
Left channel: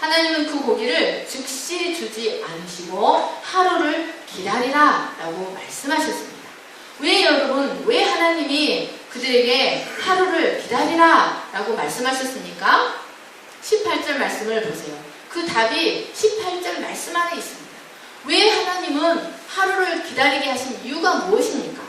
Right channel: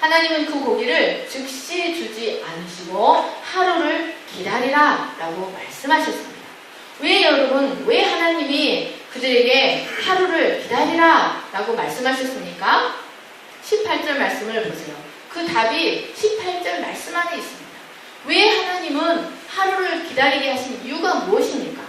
하나님은 그 고기를 즉시 주지 않으시고 하루를 기다리라 라고 말씀하셨습니다. 왜 하나님이 그들에게 하루를 기다리라 라고 말씀하셨습니까? 18절 말씀을 보세요. 그 답이 18절 말씀 안에 있습니다. 왜 하나님은 하루를 기다리게 하신 이유가 무엇입니까?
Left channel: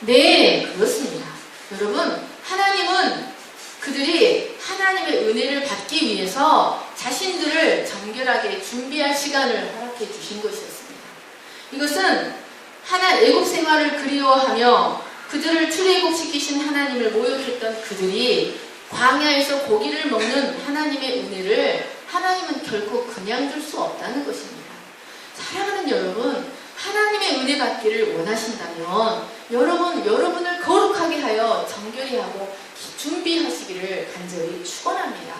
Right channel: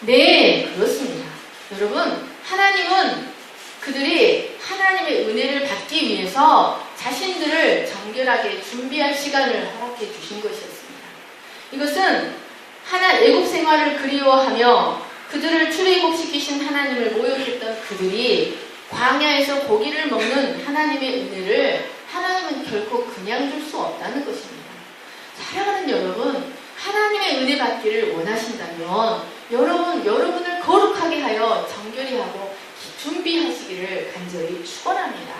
네, 그렇습니다. 여러분, 하나님은 그들이 하나님의 은혜를 받기 위해서 자신들을 정결하게 준비할 시간을 허락해 주신 것이었습니다. 이것은 애굽 생활을 그리워하며 그들을 출애굽시키신 하나님을 모욕했던 그들이 광야에서 고기를 먹는 하나님의 은혜를 하나님은 결코 그냥 줄 수 없다는 것입니다. 사랑하는 여러분, 하나님의 은혜 받기를 원하신다면 여러분을 거룩하게 하여 정결히 하고 준비하시기를 간절히 축원합니다.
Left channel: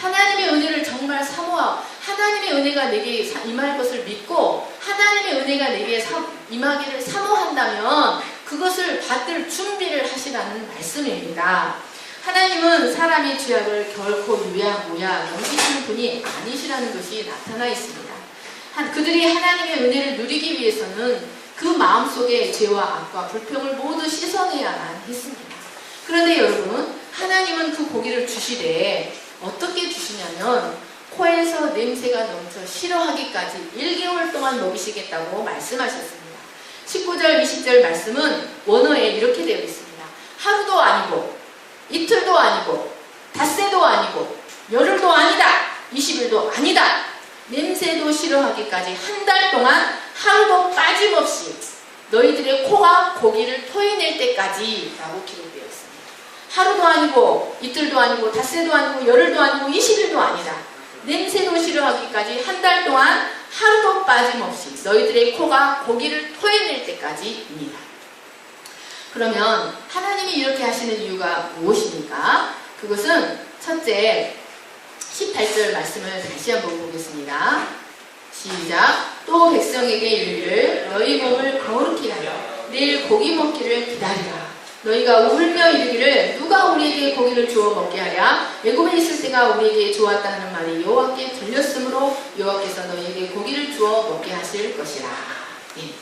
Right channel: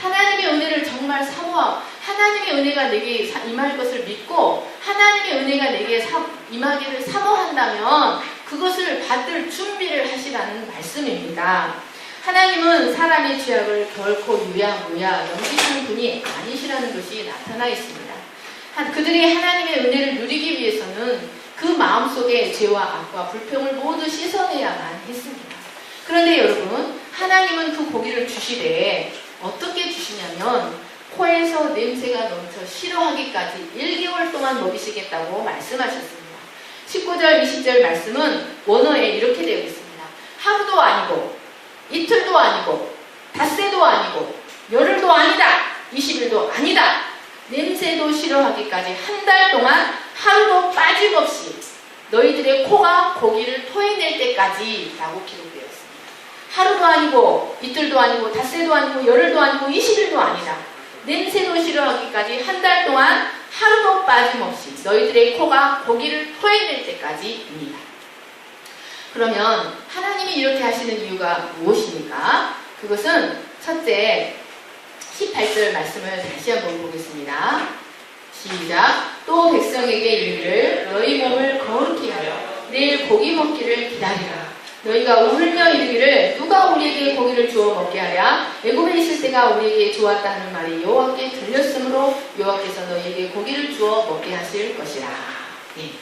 하나님의 은혜를 정말 사모하고 하나님의 은혜가 내게 임할 것을 믿고 하나님의 은혜가 내게 임하기를 사모한다면 그것을 받을 준비를 하시라는 말씀입니다. 하나님은 사람의 죄악을 결코 유야무야 넘기시는 분이 아니시라는 것이 나타나 있습니다. 그들이 하나님의 은혜를 누리기 위해서는 그 마음속에 죄와 악과 불평을 모두 씻어내야만 했습니다. 그런데 여러분, 하나님은 그 고기를 주시되 어떻게 주시냐면 코에서 냄새가 넘쳐 싫어하기까지 1개월 동안 먹이시겠다고 말씀하셨습니다. 19절, 20절 말씀은 원어에 이렇게 되어 있습니다. 하루도 아니고 이틀도 아니고 닷새도 아니고 열흘도 아니다. 20일도 아니다. 냄새도 싫어하기까지 한 달 동안 하루도 빠짐없이 너희들의 코가 고기를 토해낼 때까지 라고 기록되어 있습니다. 하루도 아니고 이틀도 아니고 닷새도 아니고 열흘도 아니고 20일도 아니다. 냄새도 싫어하기까지 한 달 동안 하루도 빠짐없이 너희들의 코가 고기를 토해낼 때까지입니다. 그러면 하나님이 이렇게 하시는 이유가 무엇입니까? 그것은 첫째 18절 말씀을 다시 한번 보겠습니다. 시작. 또 백성에게 이르기를 너희 몸을 거룩히 하여 내일 고기 먹기를 기다리라. 너희가 울며 이르기를 누가 우리에게 고기를 주어 먹게 하랴. 애굽에 있을 때가 우리에게 좋았다 하는 말이 여호와께 들렸으므로 여호와께서 너희에게 고기를 주어 먹게 하실 것이라. 예.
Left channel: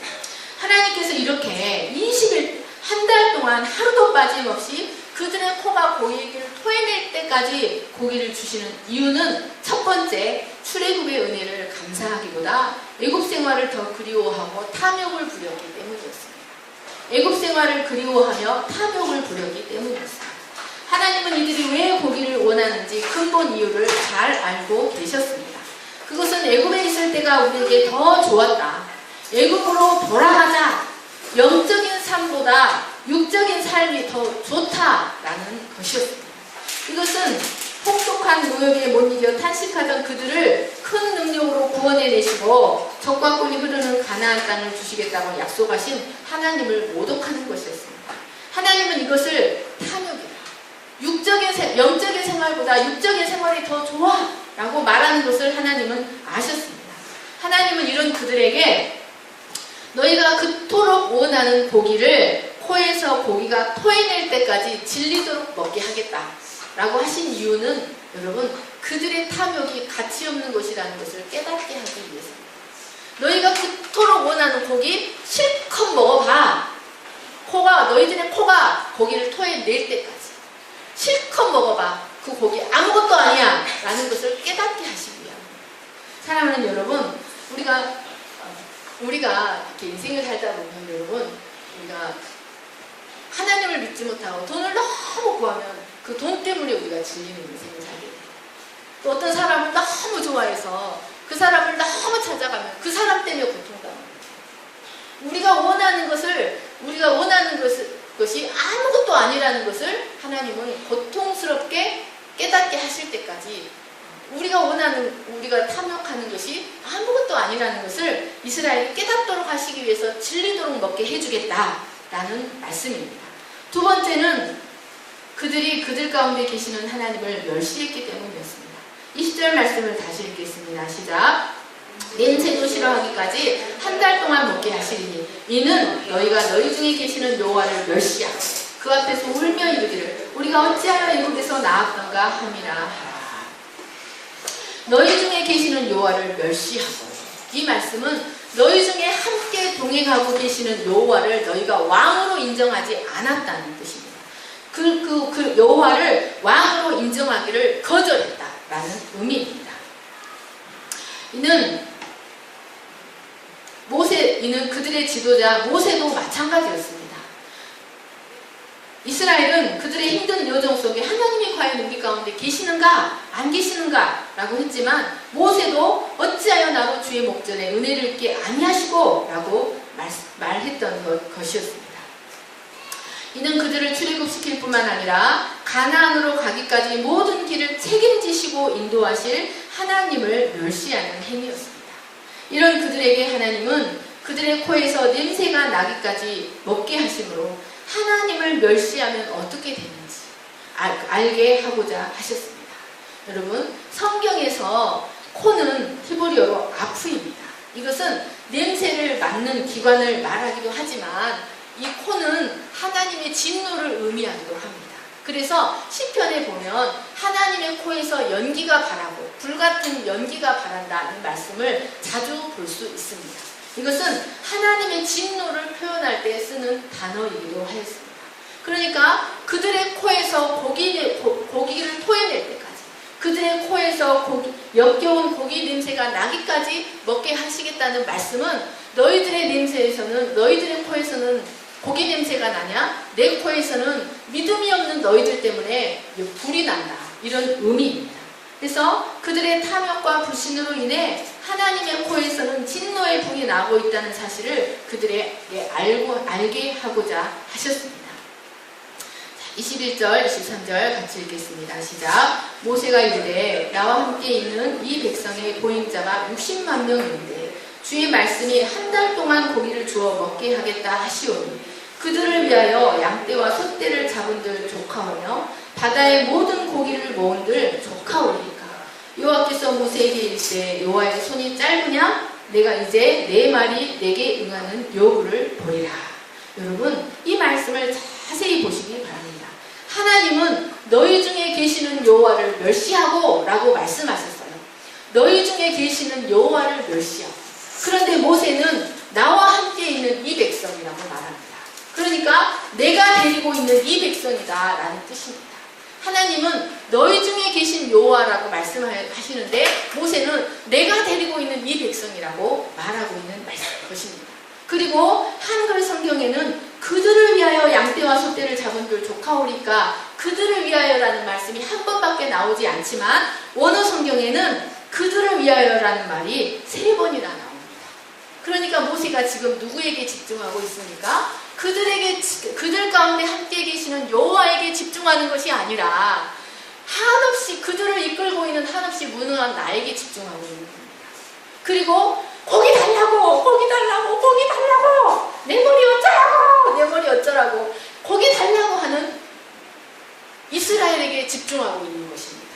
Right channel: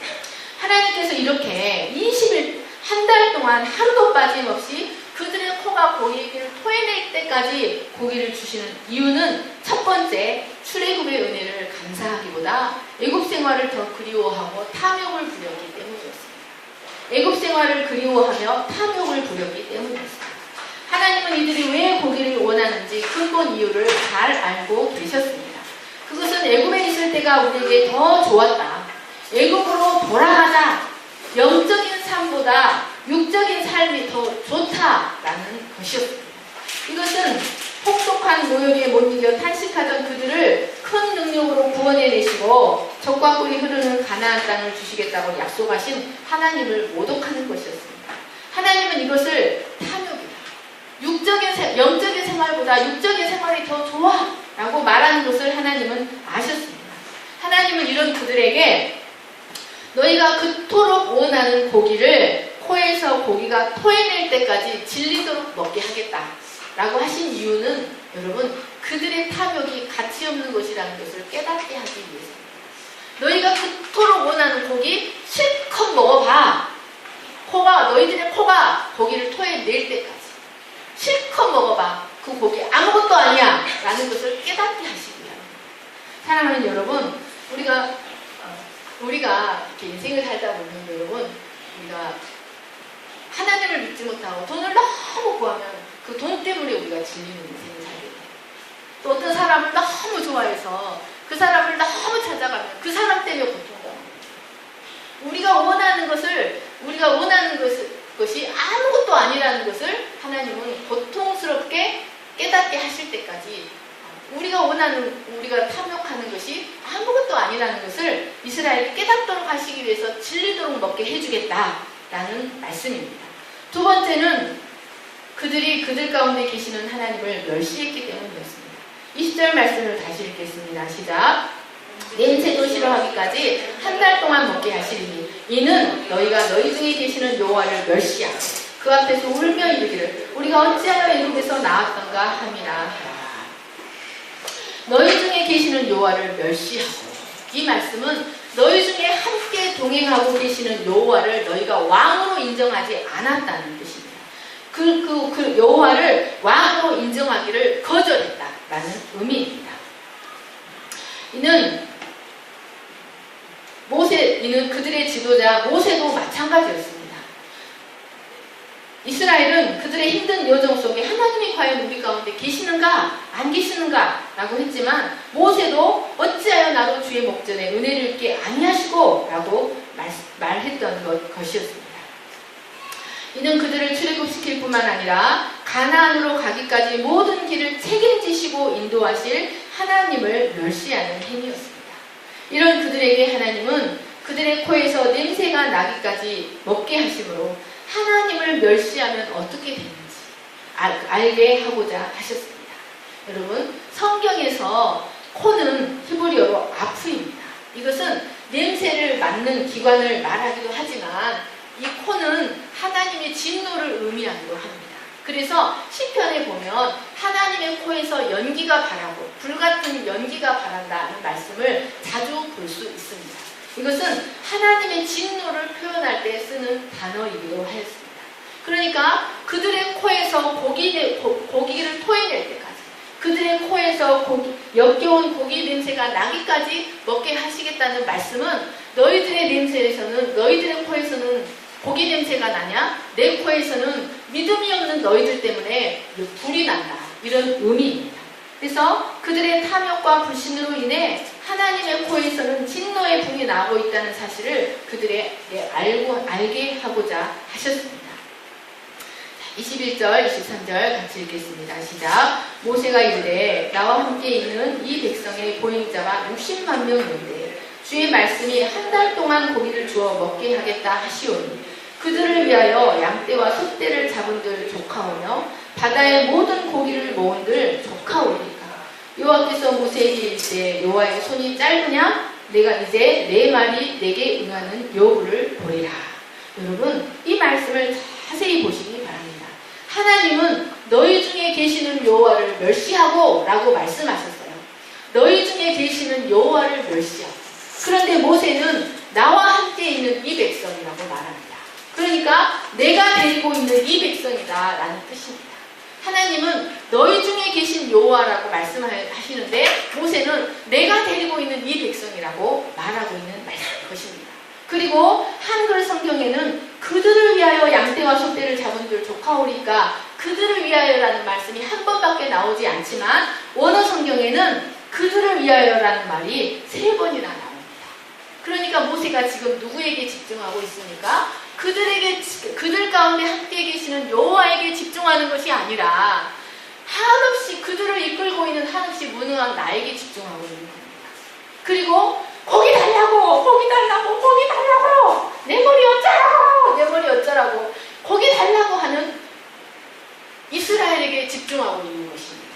하나님께서 이렇게 20일 한 달 동안 하루도 빠짐없이 그들의 코가 고기를 토해낼 때까지 고기를 주시는 이유는 첫 번째, 출애굽의 은혜를 감사하기보다 애굽 생활을 더 그리워하고 탐욕을 부렸기 때문이었습니다. 애굽 생활을 그리워하며 탐욕을 부렸기 때문이었습니다. 하나님은 이들이 왜 고기를 원하는지 근본 이유를 잘 알고 계셨습니다. 그것은 애굽에 있을 때가 우리에게 더 좋았다. 애굽으로 돌아가자. 영적인 삶보다 육적인 삶이 더 좋다라는 것이었습니다. 이것은 혹독한 노역에 못 이겨 탄식하던 그들을 큰 능력으로 구원해내시고 적과 꿀이 흐르는 가나안 땅을 주시겠다고 약속하신 하나님을 모독하는 것이었습니다. 하나님은 이것을 탐욕이다. 영적인 생활보다 육적인 생활이 더 좋아 라고 말하는 것을 하나님은 아셨습니다. 하나님은 이런 그들에게 너희가 그토록 원하는 고기를 코에서 고기가 토해낼 때까지 질리도록 먹게 하겠다 라고 하신 이유는 여러분 그들의 탐욕이 가치 없는 것이라는 것을 깨닫게 하기 위해서입니다. 너희가 그토록 원하는 고기 실컷 먹어봐. 너희들의 코가 고기를 토해낼 때까지 실컷 먹어봐. 그 고기 아무것도 아니야 라는 것을 깨닫게 하시기 위함입니다. 사랑하는 여러분, 우리가 이렇게 인생을 살다 보면 여러분 우리가 하나님을 믿지 못하고 돈을 너무 구하면 그 돈 때문에 우리가 질리는 인생을 살게 돼요. 또 어떤 사람을 너무 좋아해서 그 사람을 너무 찾아가면 그 사람 때문에 고통당합니다. 우리가 원하는 것이 아무것도 아니라는 것을 하나님은 고통스럽게 깨닫게 하실 때까지 우리가 탐욕하는 것이 아무것도 아니라는 것을 이스라엘이 깨닫도록 하시기 위해서 질리도록 먹게 해주겠다라는 말씀입니다. 두 번째는 그들이 그들 가운데 계시는 하나님을 멸시했기 때문이었습니다. 20절 말씀을 다시 읽겠습니다. 시작. 냄새도 싫어하기까지 한 달 동안 먹게 하시리니 이는 너희가 너희 중에 계시는 여호와를 멸시하고 그 앞에서 울며 이르기를 우리가 어찌하여 애굽에서 나왔던가 함이라 하라. 너희 중에 계시는 여호와를 멸시하고, 이 말씀은 너희 중에 함께 동행하고 계시는 여호와를 너희가 왕으로 인정하지 않았다는 뜻입니다. 그 여호와를 왕으로 인정하기를 거절했다라는 의미입니다. 이는 그들의 지도자 모세도 마찬가지였습니다. 이스라엘은 그들의 힘든 여정 속에 하나님이 과연 우리 가운데 계시는가 안 계시는가 라고 했지만 모세도 어찌하여 나로 주의 목전에 은혜를 입게 아니하시고 라고 말했던 것이었습니다. 이는 그들을 출애굽시킬 뿐만 아니라 가나안으로 가기까지 모든 길을 책임지시고 인도하실 하나님을 멸시하는 행위였습니다. 이런 그들에게 하나님은 그들의 코에서 냄새가 나기까지 먹게 하심으로 하나님을 멸시하면 어떻게 되는지 알게 하고자 하셨습니다. 여러분, 성경에서 코는 히브리어로 아프입니다. 이것은 냄새를 맡는 기관을 말하기도 하지만 이 코는 하나님의 진노를 의미하기도 합니다. 그래서 시편에 보면 하나님의 코에서 연기가 바라고 불같은 연기가 바란다는 말씀을 자주 볼 수 있습니다. 이것은 하나님의 진노를 표현할 때 쓰는 단어이기도 하였습니다. 그러니까 그들의 코에서 고기를 토해낼 때까지, 그들의 코에서 역겨운 고기 냄새가 나기까지 먹게 하시겠다는 말씀은 너희들의 코에서는 고기 냄새가 나냐? 내 코에서는 믿음이 없는 너희들 때문에 불이 난다. 이런 의미입니다. 그래서 그들의 탐욕과 불신으로 인해 하나님의 코에서는 진노의 불이 나고 있다는 사실을 그들에게 알게 하고자 하셨습니다. 21절, 23절 같이 읽겠습니다. 시작. 모세가 이르되 나와 함께 있는 이 백성의 보행자가 60만 명인데 주의 말씀이 한 달 동안 고기를 주어 먹게 하겠다 하시오니 그들을 위하여 양떼와 소떼를 잡은들 조카오며 바다의 모든 고기를 모은들 조카오리까. 여호와께서 모세에게 이르시되 여호와의 손이 짧으냐? 내가 이제 내 말이 내게 응하는 여부를 보리라. 여러분, 이 말씀을 자세히 보시기 바랍니다. 하나님은 너희 중에 계시는 여호와를 멸시하고 라고 말씀하셨어요. 너희 중에 계시는 여호와를 멸시하고. 그런데 모세는 나와 함께 있는 이 백성이라고 말합니다. 그러니까 내가 데리고 있는 이 백성이다 라는 뜻입니다. 하나님은 너희 중에 계신 여호와라고 말씀하시는데 모세는 내가 데리고 있는 이 백성이라고 말하고 있는 것입니다. 그리고 한글 성경에는 그들을 위하여 양떼와 소떼를 잡은들 조카오리까 그들을 위하여라는 말씀이 한 번밖에 나오지 않지만 원어 성경에는 그들을 위하여라는 말이 3번이나 나옵니다. 그러니까 모세가 지금 누구에게 집중하고 있습니까? 그들 가운데 함께 계시는 여호와에게 집중하는 것이 아니라 한없이 그들을 이끌고 있는 한없이 무능한 나에게 집중하고 있는 겁니다. 그리고 고기 달라고 내 머리 어쩌라고 고기 달라고 하는 이스라엘에게 집중하고 있는 것입니다.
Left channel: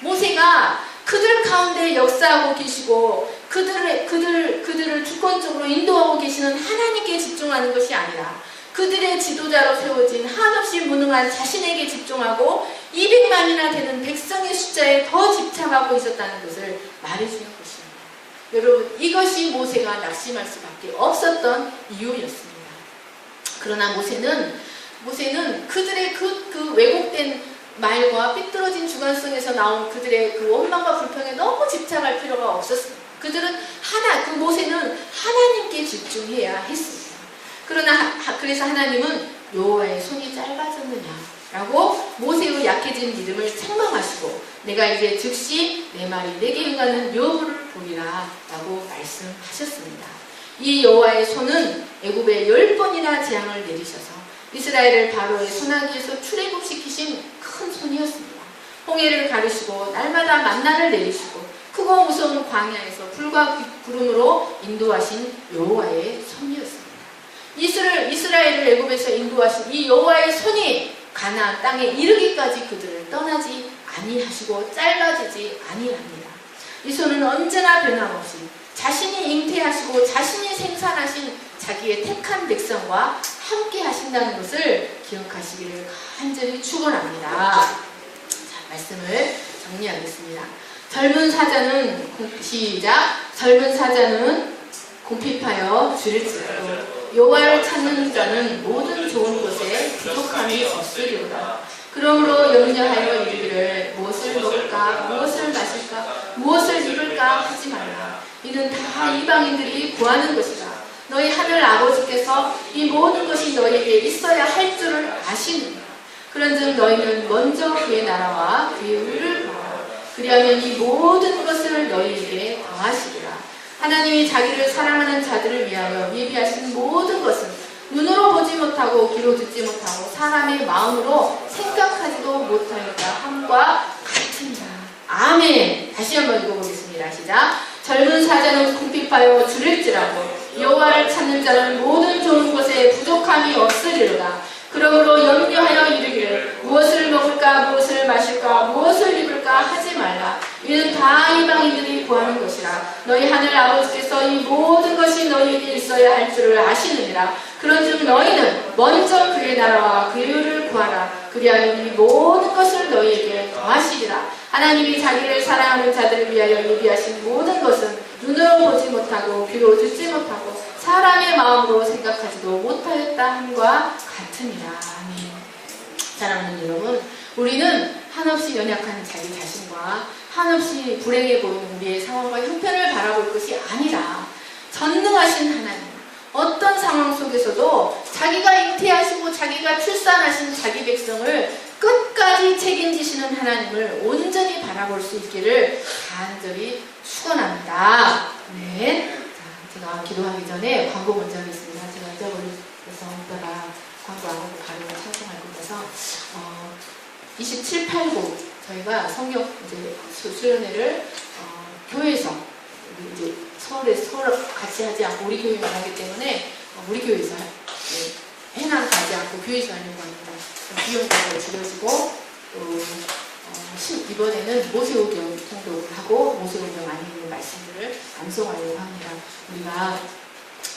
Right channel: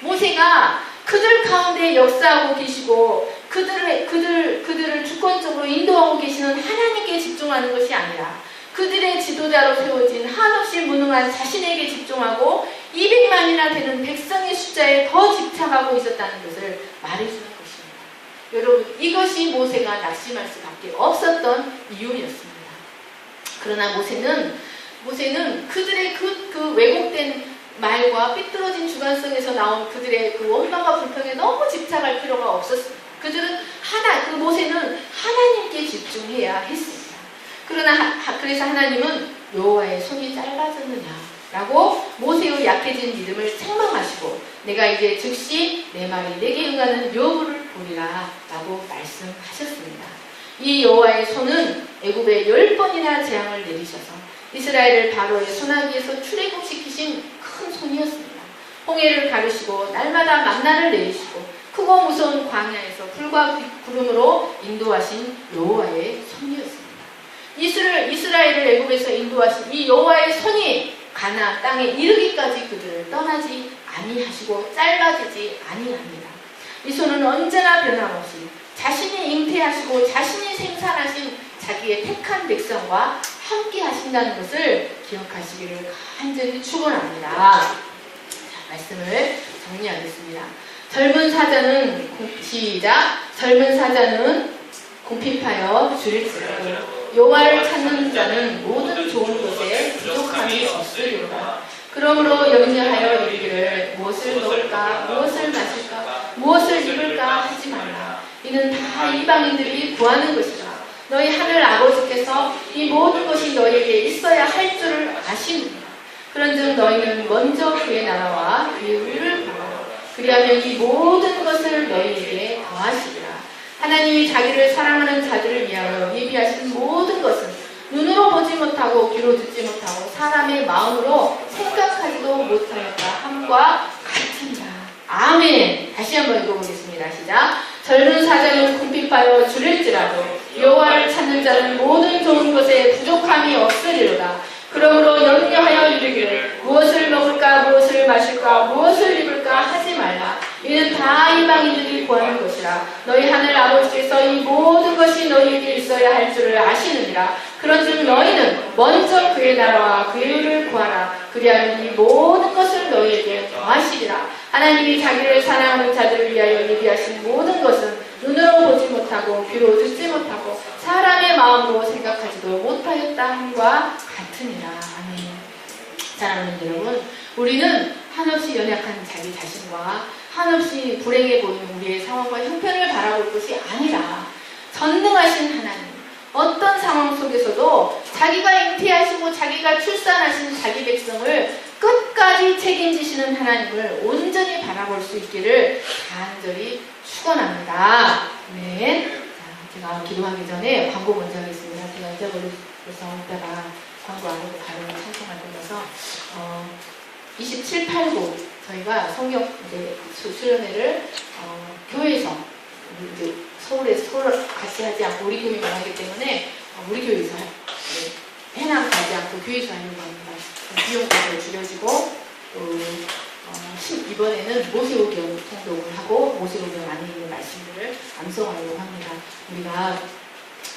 모세가 그들 가운데 역사하고 계시고 그들을 주권적으로 인도하고 계시는 하나님께 집중하는 것이 아니라 그들의 지도자로 세워진 한없이 무능한 자신에게 집중하고 200만이나 되는 백성의 숫자에 더 집착하고 있었다는 것을 말해주는 것입니다. 여러분, 이것이 모세가 낙심할 수밖에 없었던 이유였습니다. 그러나 모세는 그들의 그 왜곡된 말과 삐뚤어진 주관성에서 나온 그들의 그 원망과 불평에 너무 집착할 필요가 없었습니다. 모세는 하나님께 집중해야 했습니다. 그래서 하나님은 여호와의 손이 짧아졌느냐라고 모세의 약해진 믿음을 책망하시고 내가 이제 즉시 내 말이 내게 응하는 여부를 보리라 라고 말씀하셨습니다. 이 여호와의 손은 애굽에 10번이나 재앙을 내리셔서 이스라엘을 바로의 손아귀에서 출애굽시키신 큰 손이었습니다. 홍해를 가르시고 날마다 만나를 내리시고 크고 무서운 광야에서 불과 구름으로 인도하신 여호와의 손이었습니다. 이스라엘을 애굽에서 인도하신 이 여호와의 손이 가나안 땅에 이르기까지 그들을 떠나지 아니하시고 짧아지지 아니합니다. 이 손은 언제나 변함없이 자신이 잉태하시고 자신이 생산하신 자기의 택한 백성과 함께 하신다는 것을 기억하시기를 간절히 축원합니다. 자, 말씀을 정리하겠습니다. 젊은 사자는 궁핍하여 줄일지라도 여호와를 찾는 자는 모든 좋은 것에 부족함이 없으리로다. 그러므로 염려하여 이르기를 무엇을 먹을까 무엇을 마실까 무엇을 입을까 하지 말라. 이는 다 이방인들이 구하는 것이라. 너희 하늘 아버지께서 이 모든 것이 너희에게 있어야 할 줄을 아시느니라. 그런즉 너희는 먼저 그의 나라와 그의 의를 구하라. 그리하면 이 모든 것을 너희에게 더하시리라. 하나님이 자기를 사랑하는 자들을 위하여 예비하신 모든 것은 눈으로 보지 못하고 귀로 듣지 못하고 사람의 마음으로 생각하지도 못하였다 함과 같으니라. 아멘. 다시 한번 읽어보겠습니다. 시작. 젊은 사자는 궁핍하여 줄일지라도 여호와를 찾는 자는 모든 좋은 것에 부족함이 없으리로다. 그러므로 염려하여 이르기를 무엇을 먹을까 무엇을 마실까 무엇을 입을까 하지 말라. 이는 다 이방인들이 구하는 것이라. 너희 하늘 아버지께서 이 모든 것이 너희에게 있어야 할 줄을 아시느니라. 그런즉 너희는 먼저 그의 나라와 그의 의를 구하라. 그리하면 이 모든 것을 너희에게 더하시리라. 하나님이 자기를 사랑하는 자들을 위하여 예비하신 모든 것은 눈으로 보지 못하고 귀로 듣지 못하고 사람의 마음으로 생각하지도 못하였다 함과 같으니라. 아멘. 사랑하는 여러분, 우리는 한없이 연약한 자기 자신과 한없이 불행해 보이는 우리의 상황과 형편을 바라볼 것이 아니라 전능하신 하나님, 어떤 상황 속에서도 자기가 잉태하시고 자기가 출산하신 자기 백성을 끝까지 책임지시는 하나님을 온전히 바라볼 수 있기를 간절히 축원합니다. 네. 제가 기도하기 전에 광고 먼저 하겠습니다. 제가 잊어버려서 이따가 광고 안 하고 바로 찬송할 거라서 27, 8부 저희가 성경 이제 수련회를 교회에서 이제 서울 같이 하지 않고 우리 교회만 하기 때문에 우리 교회에서 해남 가지 않고 교회에서 하려고 합니다. 비용도 줄여지고 이번에는 모세오경 통독을 하고 모세오경 안에 있는 말씀들을 암송하려고 합니다. 우리가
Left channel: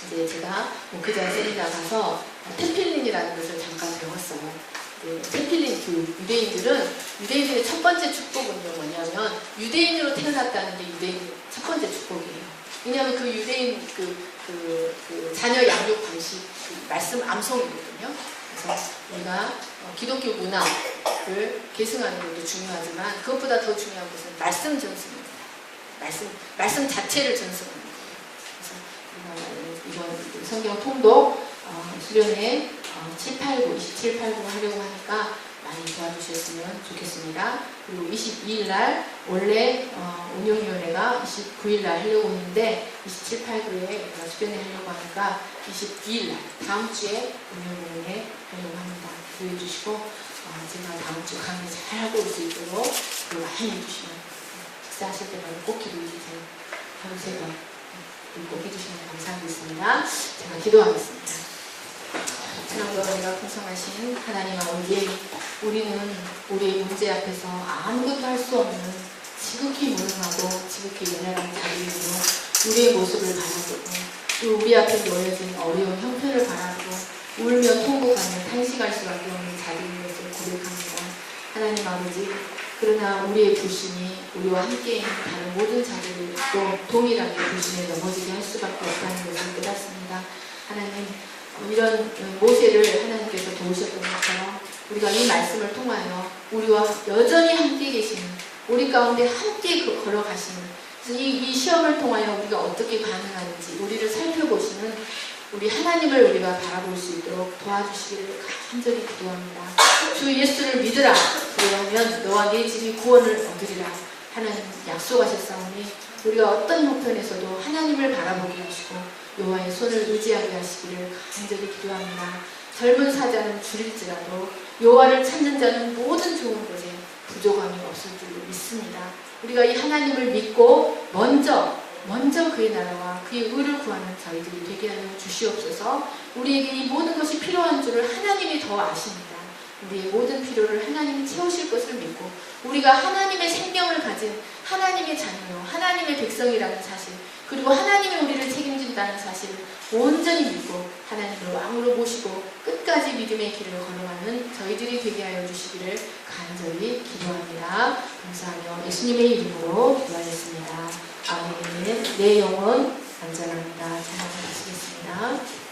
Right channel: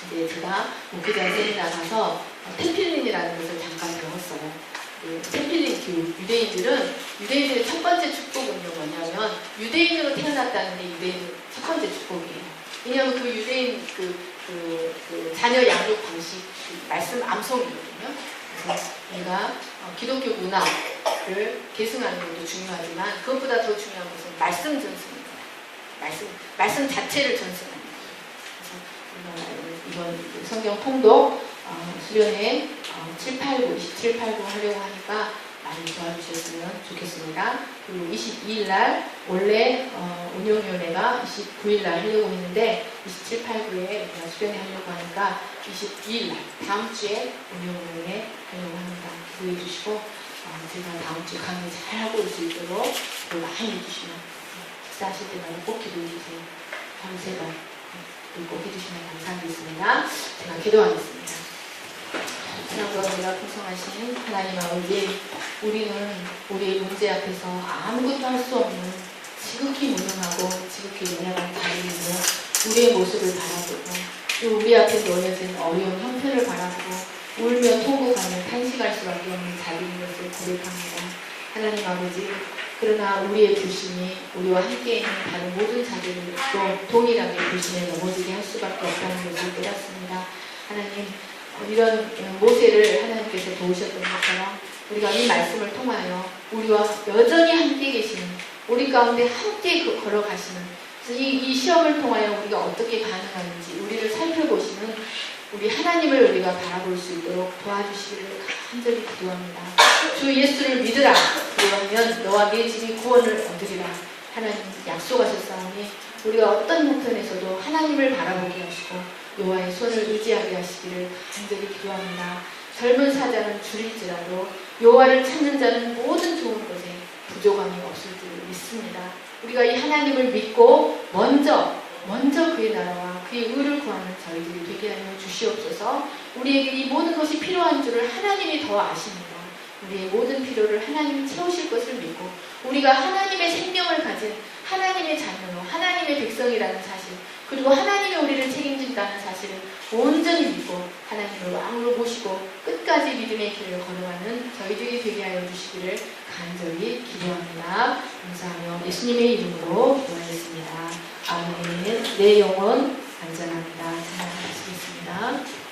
이제 제가 목회자 세미나 가서 템필린이라는 것을 잠깐 배웠어요. 템필린 교육, 유대인들의 첫 번째 축복은요 뭐냐면 유대인으로 태어났다는 게 유대인 첫 번째 축복이에요. 왜냐하면 그 유대인 자녀 양육 방식 말씀 암송이거든요. 그래서 우리가 기독교 문화를 계승하는 것도 중요하지만 그것보다 더 중요한 것은 말씀 전승입니다. 말씀 자체를 전승하는 거예요. 그래서 이번 성경 통독 수련회 27, 8부 하려고 하니까 많이 도와주셨으면 좋겠습니다. 그리고 22일 날 원래 운영위원회가 29일 날 하려고 했는데 27, 8부에 수련회 하려고 하니까 22일 날 다음 주에 운영위원회 하려고 합니다. 기도해 주시고 제가 다음 주 강의 잘 하고 올 수 있도록 많이 해주시면 식사하실 때마다 꼭 기도해 주세요. 하루 3번 꼭 해주시면 감사하겠습니다. 제가 기도하겠습니다. 지난번에가 풍성하신 하나님 아버지, 우리는 우리의 문제 앞에서 아무것도 할 수 없는 지극히 무능하고 지극히 연약한 자리이며 우리의 모습을 바라보고 또 우리 앞에 놓여진 어려운 형편을 바라보고 울며 통곡하며 탄식할 수밖에 없는 자리인 것을 고백합니다. 하나님 아버지, 그러나 우리의 불신이 우리와 함께 있는 다른 모든 자들도 동일하게 불신에 넘어지게 할 수밖에 없다는 것을 깨닫습니다. 하나님, 이런 모세를 하나님께서 도우셨던 것처럼 우리가 이 말씀을 통하여 우리와 여전히 함께 계시는, 우리 가운데 함께 걸어가시는 이 시험을 통하여 우리가 어떻게 반응하는지 우리를 살펴보시는 우리 하나님을 우리가 바라볼 수 있도록 도와주시기를 간절히 기도합니다. 주 예수를 믿으라. 그리하면 너와 네 집이 구원을 얻으리라. 하나님 약속하셨사오니 우리가 어떤 형편에서도 하나님을 바라보게 하시고 여호와의 손을 의지하게 하시기를 간절히 기도합니다. 젊은 사자는 줄일지라도 여호와를 찾는 자는 모든 좋은 것에 부족함이 없을 줄 믿습니다. 우리가 이 하나님을 믿고 먼저 그의 나라와 그의 의를 구하는 저희들이 되게 하여 주시옵소서. 우리에게 이 모든 것이 필요한 줄을 하나님이 더 아십니다. 우리의 모든 필요를 하나님이 채우실 것을 믿고 우리가 하나님의 생명을 가진 하나님의 자녀로 하나님의 백성이라는 사실, 그리고 하나님이 우리를 책임진다는 사실을 온전히 믿고 하나님을 왕으로 모시고 끝까지 믿음의 길을 걸어가는 저희들이 되게 하여 주시기를 간절히 기도합니다. 감사하며 예수님의 이름으로 기도하겠습니다. 아멘. 내 영혼 안전합니다. 찬양하시겠습니다.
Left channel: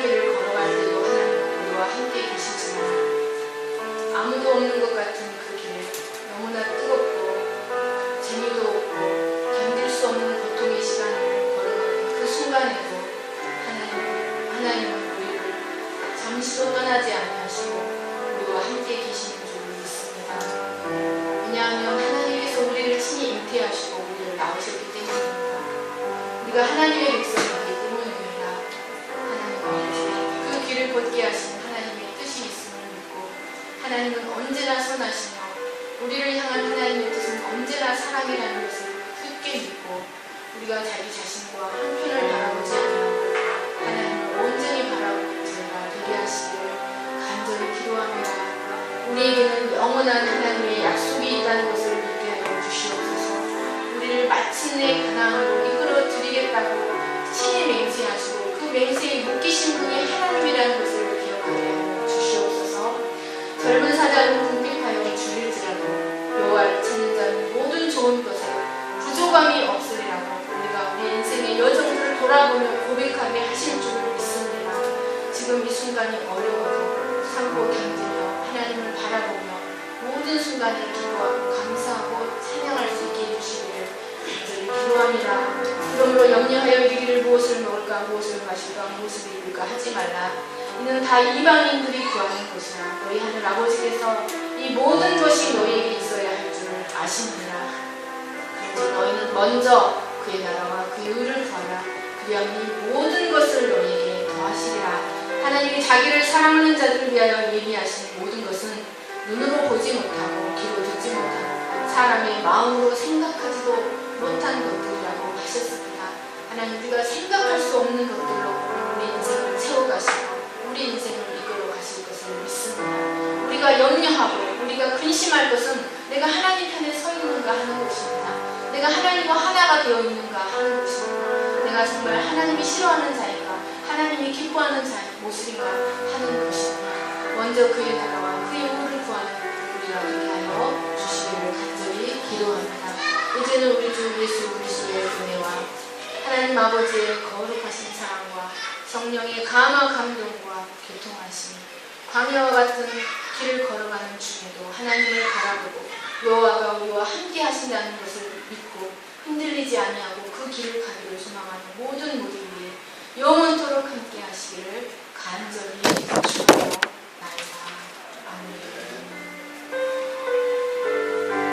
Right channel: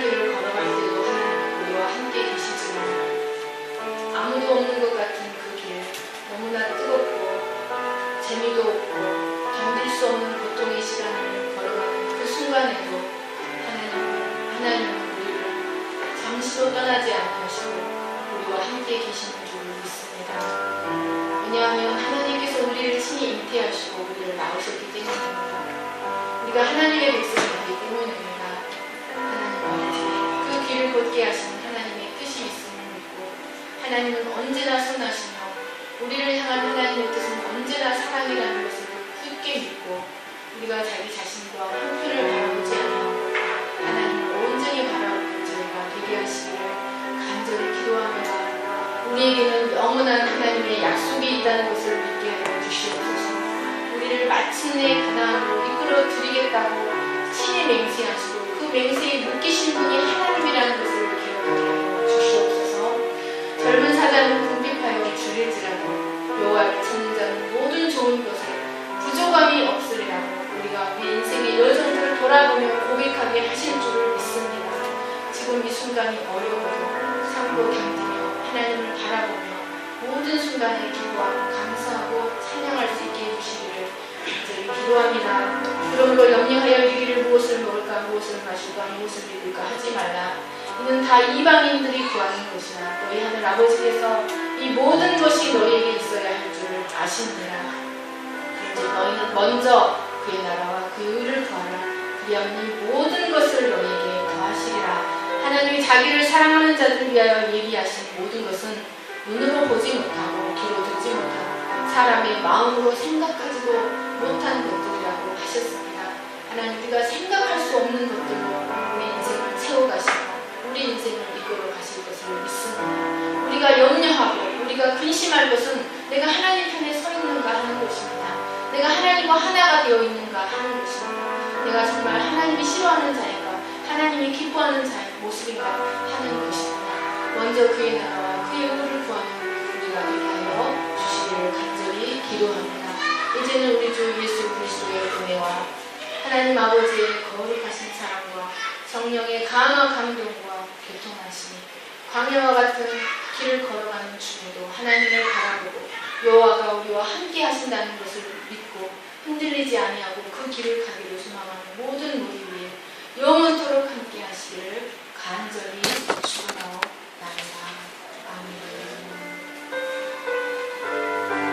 험난한 길을 걸어갈 때도 하나님은 우리와 함께 계시지만 아무도 없는 것 같은 그 길, 너무나 뜨겁고 재미도 없고 견딜 수 없는 고통의 시간을 걸어가는 그 순간에도 하나님은 우리를 잠시도 떠나지 아니하시고 우리와 함께 계시는 줄을 믿습니다. 왜냐하면 하나님께서 우리를 친히 잉태하시고 우리를 낳으셨기 때문입니다. 우리가 하나님의 백성이기 때문입니다. 하나님은 그 길을 걷게 하신 하나님의 뜻이 있음을 믿고 하나님은 언제나 선하시며 우리를 향한 하나님의 뜻은 언제나 사랑이라는 것을 굳게 믿고 우리가 자기 자신과 형편을 바라보지 아니하고 하나님을 온전히 바라보는 저희가 되게 하시기를 간절히 기도합니다. 우리에게는 영원한 하나님의 약속이 있다는 것을 믿게 하여 주시옵소서. 우리를 마침내 가나안으로 이끌어 드리겠다고 친히 맹세하시고 그 맹세에 묶이신 분이 하나님이라는 것을 기억하게 하여 주시옵소서. 젊은 사자는 궁핍하여 줄일지라도 여호와를 찾는 자는 모든 좋은 것을 부족함이 없으리라고 우리가 우리 인생의 여정들을 돌아보며 고백하게 하실 줄을 믿습니다. 지금 이 순간이 어려워도 참고 당기며 하나님을 바라보며 모든 순간에 기도하고 감사하고 찬양할 수 있게 해주시기를 간절히 기도합니다. 그러므로 염려하여 이르기를 무엇을 먹을까 무엇을 마실까 무엇을 입을까 하지 말라. 이는 다 이방인들이 구하는 것이라. 너희 하늘 아버지께서 이 모든 것이 너희에게 있어야 할 줄을 아시느니라. 그런즉 너희는 먼저 그의 나라와 그의 의를 구하라. 그리하면 이 모든 것을 너희에게 더하시리라. 하나님이 자기를 사랑하는 자들을 위하여 예비하신 모든 것은 눈으로 보지 못하고 귀로 듣지 못하고 사람의 마음으로 생각하지도 못한 것들이라고 하셨습니다. 하나님, 우리가 생각할 수 없는 것들로 우리 인생을 채워가시고 우리 인생을 이끌어 가실 것을 믿습니다. 우리가 염려하고 우리가 근심할 것은 내가 하나님 편에 서 있는가 하는 것입니다. 내가 하나님과 하나가 되어 있는가 하는 것입니다. 내가 정말 하나님이 싫어하는 자인가 하나님이 기뻐하는 자의 모습인가 하는 것입니다. 먼저 그의 나라와 그의 의를 구하는 우리가 되게 하여 주시기를 간절히 기도합니다. 이제는 우리 주 예수 그리스도의 은혜와 하나님 아버지의 거룩하신 사랑과 성령의 강한 감동과 교통하심이 광야와 같은 길을 걸어가는 중에도 하나님을 바라보고 여호와가 우리와 함께 하신다는 것을 믿고 흔들리지 아니하고 그 길을 가기를 소망합니다.